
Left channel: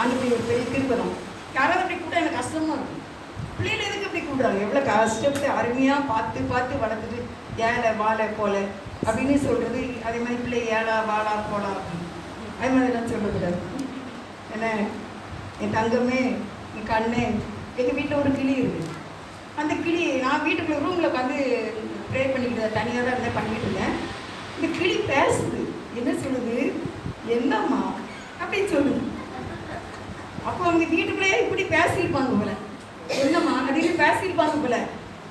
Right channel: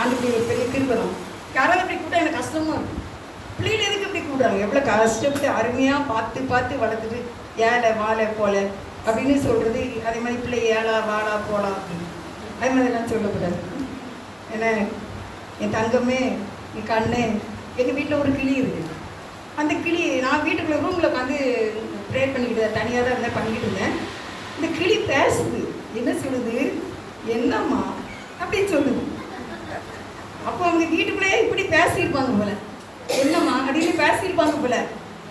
அந்த ஒரு பெரிய கிருபனம். யாராவது அப்படி கூட எனக்கு கஷ்டமாக இருக்கும். பிள்ளைகள் எதுக்கு இப்படி கூப்பிடுறாங்க, எவ்வளோ கஷ்டப்பட்டு அருமையாக பார்த்து வளர்த்துட்டு ஏழை வாழை போல அப்படின்னு சொல்கிறது. அதே மாதிரி பிள்ளை ஏழா வாழா போலாம் அப்படின்னு அது மாதிரிலாம் சொல்லக்கூடாது. என்ன என் தங்கமே, என் கண்ணே, எங்கள் வீட்டில் ஒரு கிளி இருக்குது. அந்த கிளி நான் வீட்டுக்குள்ளே ரூமில் உட்காந்து ப்ரே பண்ணிக்கிட்டு தனியாக தான் இருந்தால் பண்ணிக்கிட்டு இருந்தேன். இந்த கிளி பேசுது, என்ன சொல்லுது, என்னம்மா அப்படின்னு சொல்லுது. அப்போ அவங்க வீட்டுக்குள்ளேயே இப்படி பேசியிருப்பாங்க போல, என்னம்மா அப்படின்னு பேசியிருப்பாங்க போல.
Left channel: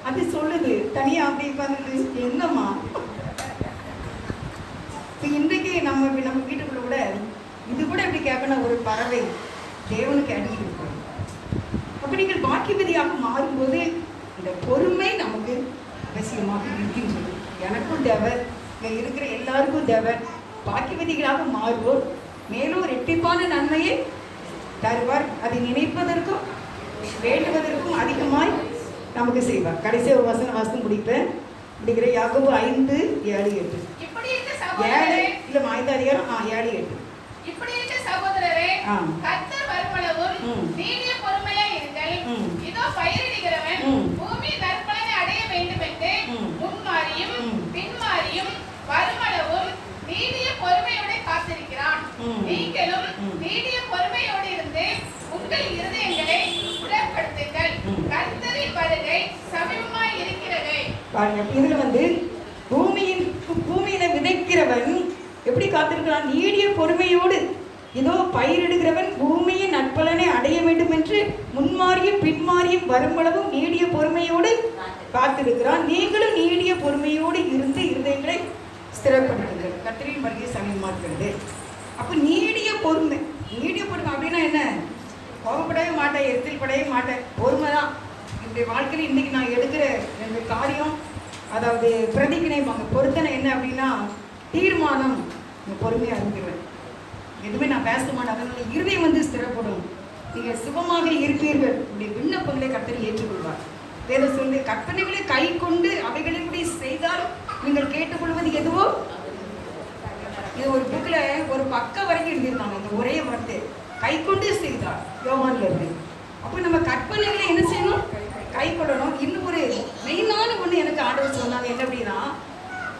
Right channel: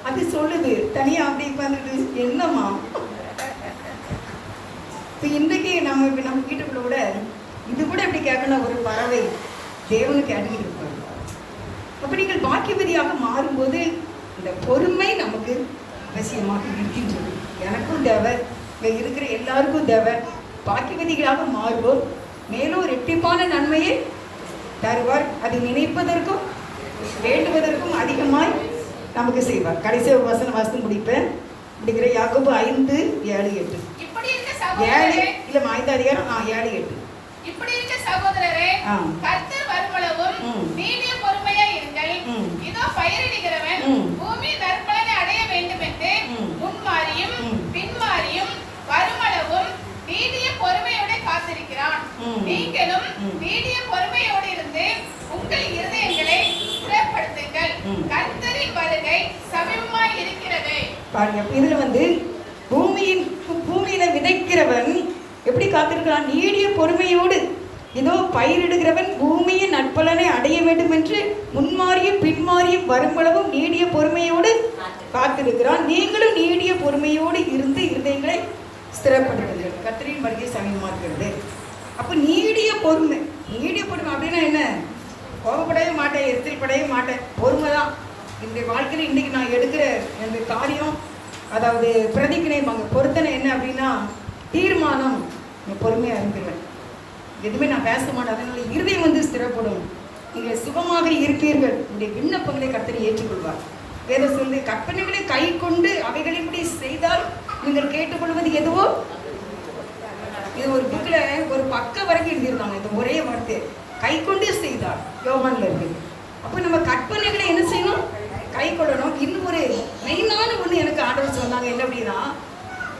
அது சொல்லுது தனியாக அப்படி உட்காந்துட்டு, என்னம்மா. இப்போ இன்றைக்கு நம்ம வீட்டுக்குள்ளே கூட இது கூட எப்படி கேட்கணும், ஒரு பறவை தேவனு கேட்டுக்கிட்டு இருப்பாங்க. அப்போ நீங்கள் பாக்கியவதியாக மாறும்போது இந்த பொறுமை நமக்கு அவசியமாக இருக்கின்றது. எனக்கும் தேவை, இங்கே இருக்கிற எல்லாருக்கும் தேவை. பாக்கியவதிகளாக மாறுவோர் மேலும் ரெட்டிப்பான நன்மையை தருவார். அதை நினைப்பதற்கும் வேண்டுவதற்கும் அதிகமாய் நமக்கு செய்வார். கடைசி ஒரு வசனம் முடிப்பேன். முடிக்கிற யாக்கோபு 5:7-8. 7 இல்ல 5 அதிகாரம் 7-8. இப்படி இருக்க சகோதரரே, கர்த்தர் வருமளவும் நீடிய பொறுமையாய் இருங்கள். இதோ பயிரிடுகிறவன் பூமி நற்பலனை அடைய வேண்டும் என்று முன்மாறியும் பின்மாறியும் வருமளவும் நீடிய பொறுமையோடு காத்திருக்கிறான். நீங்களும் நீடிய பொறுமையோடு இருந்து உங்கள் இருதயங்களை ஸ்திரப்படுத்துங்கள். கர்த்தரின் வருகை சமீபமாய் இருக்கிறது. இதுல பூமியில விதைக்கிறவன் எப்படி காத்திருக்கிறான், நீடிய பொறுமையோடு. இதோ பயிரிடுகிறவன் பூமியின் நற்பலனை அடைய வேண்டும் என்று முன்மாறியும் பின்மாறியும் வரும்பளவும் நீடிய பொறுமையோடு காத்திருக்கிறான். நீங்களும் நீடிய பொறுமையோடு இருந்து இருதயங்களை ஸ்திரப்படுத்துங்கள். கர்த்தரின் வருகை சமீபமா இருக்கிறது. அப்போ நீடிய பொறுமை அப்படின்னா என்ன, கோபப்படவே மாட்டேன், எரிச்சல் படவே மாட்டேன், பொறுமை தான். என்னுடைய வாழ்க்கையில் இன்றைக்கி நான் எடுக்கிற இந்த காரியம், அதாவது பிரதிக்கிணைப்பாங்க பொருத்தனை என்ன அப்படின்னா தீர்மானம், பொறுமையாக இருந்துருவேன், எதுவுமே நான் பேச மாட்டேன். அதனால் இருதயம் ஸ்திரப்படும். நீங்கள் சுகமாக இருப்பீர்கள். உங்களுடைய விண்ணப்பங்களை கர்த்தர் ஏற்றுக்கொள்வார். வேத சொல்லி கற்பனைகளை கை கொண்டு அவைகளின்படி செய்தால் நீங்கள் கேட்டுக்கொள்வது எதுவோ இது ஒரு புக்கில் ஒரு பக்கம் வரைக்கும் எழுதியிருந்தாங்க இந்த ஒரே வார்த்தை, கை கொண்டு செய்தார், யோவான்ல இருக்கு. அப்போ நம்ம கற்பனைகளை என்ன செய்யணும்? கை கொள்ளணும். இன்னும் ஒரு மெயினான ஒன்று எனக்கு ஆண்டவர் சொன்னாங்க, என்ன அப்படின்னா,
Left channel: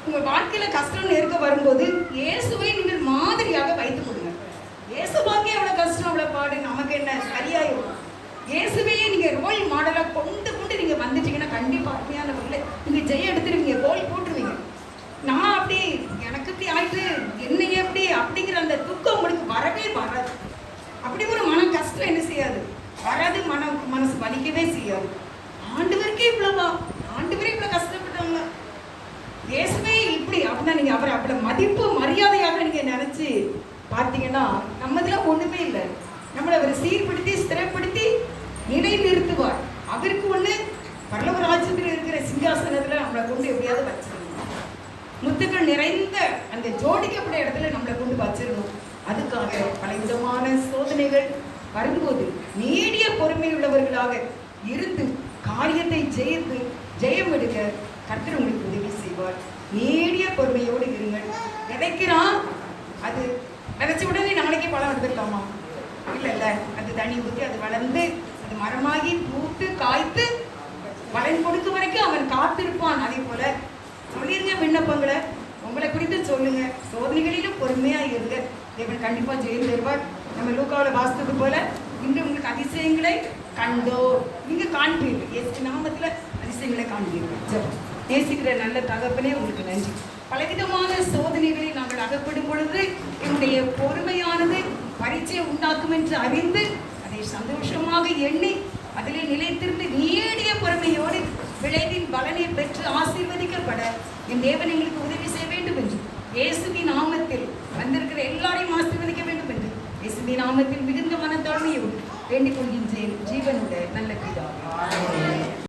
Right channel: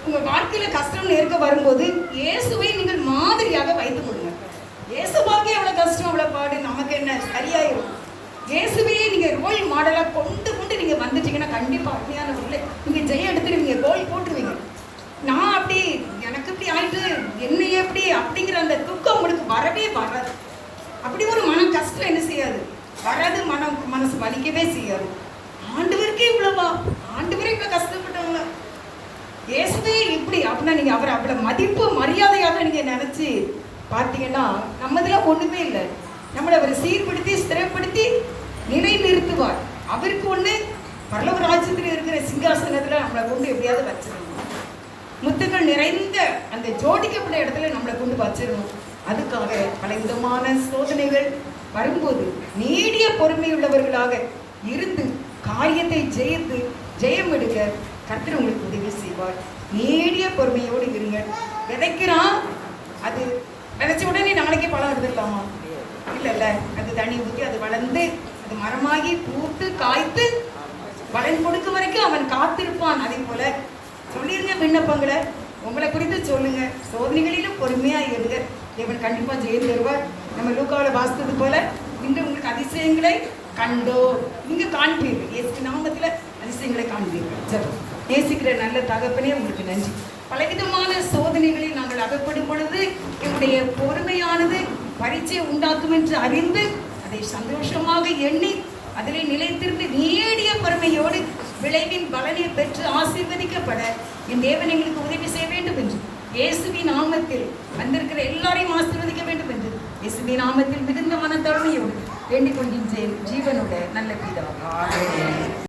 உங்கள் வாழ்க்கையில் கஷ்டம் நெருக்க வரும்போது இயேசுவை நீங்கள் மாதிரியாக வைத்துக் கொள்ளுங்க. இயேசுவாகவே அவ்வளோ கஷ்டம், அவ்வளோ பாடு, நமக்கு என்ன சரியாயிடும். இயேசுவையே நீங்கள் ரோல் மாடலாக கொண்டு நீங்கள் வந்துட்டீங்கன்னா கண்டிப்பாக அருமையான முறையில் நீங்கள் ஜெயம் எடுத்துருவீங்க, கோல் போட்டுருவீங்க. நான் அப்படி எனக்கு இப்படி ஆயிட்டு என்னையே எப்படி அப்படிங்கிற அந்த துக்கம் உங்களுக்கு வரவே வராது. அப்படி ஒரு மனம் கஷ்டம் என்ன செய்யாது, வராது. மனசு வலிக்கவே செய்யாது. ஆண்டவருக்கே இவ்வளவா, ஆண்டவரே இவ்வளோ கஷ்டப்பட்டவங்களா, இயேசுவே இப்படி அப்படின்னா நீங்கள் அவரை அவ்வளோ மதிப்பு மரியாதையாக நீங்கள் நினச்சி பார்த்தீங்கன்னா நம்ம இதெல்லாம் ஒன்றுமே இல்லை. நம்மளை அவர் சீர்படுத்தி ஸ்திரப்படுத்தி நிலை நிறுத்துவார். அவருக்கு ஒன்று பரலோக ராஜ்யத்தில் இருக்கிற சிங்காசனத்தில் நம்மளை கொண்டு எப்படியாவது வச்சிடணும். முத்துக்கள் நிறைந்த அந்த ஜோடிக்கப்பட்ட இடத்துல நம்மளை கொண்டு வச்சிடணும். அதுக்காக பல விதமான சோதனைகள் வரும்போது நீடிய பொறுமை உள்ளவர்களாக இருந்து காரியத்தை ஜெயித்து ஜெயம் எடுக்க கர்த்தர் உங்களுக்கு உதவி செய்வார். நீடிய பொறுமையோடு இருங்கள். விதைக்கிறான், அது விதைச்ச உடனே நாளைக்கே பழம் எடுத்துக்கலாமா? இல்லைல்ல, அது தண்ணி ஊற்றி அது வளர்ந்து அது மரமாகி பூத்து காய்த்து பலன் கொடுக்க வரைக்கும் அவன் காத்திருப்பான். அதே போல சொல்லிருங்க, விண்ணப்பங்களை உங்களை குறித்து சொல்லுங்க. சோதனைகளிலும் பொறுமையா இருங்க, தேவன் கண்டிப்பா ஜெயம் தருவார். நம்ம லூக்காவில் வாசித்தது போல இன்று உங்களுக்கு அதிசயங்களை கண்டோ நீங்க காண்பீர்கள். இயேசு நாமத்துல அதிசயங்களை காண்பீர்கள். ஜெபம். நேசிக்கிற நல்ல தகப்பனே, உங்களுக்கு நன்றி. பலவிதமான சோதனைகளில் நாங்கள் அகப்படும் பொழுது என்னுடைய பொறுமையானது பரீட்சை உண்டாக்கும் என்று அறிந்து அதை சந்தோஷமாக எண்ணி அதிலே நிலைத்திருந்து நீடிய பொறுமையோடு விளைவின் பலனை பெற்று ஆசீர்வதிக்கப்பட என் தேவன் எங்களுக்கு உதவி செய்ய வேண்டும் என்று இயேசுவின் நாமத்தில் வந்திருக்கிற எல்லாரையும் ஆசீர்வதிக்க வேண்டும் என்று இயேசுவின் நாமத்தில் மிகுந்த மனத்தாழ்மையோடு வேண்டிக் கொள்கின்றேன். ஜீவனோட நல்ல பிதாவே.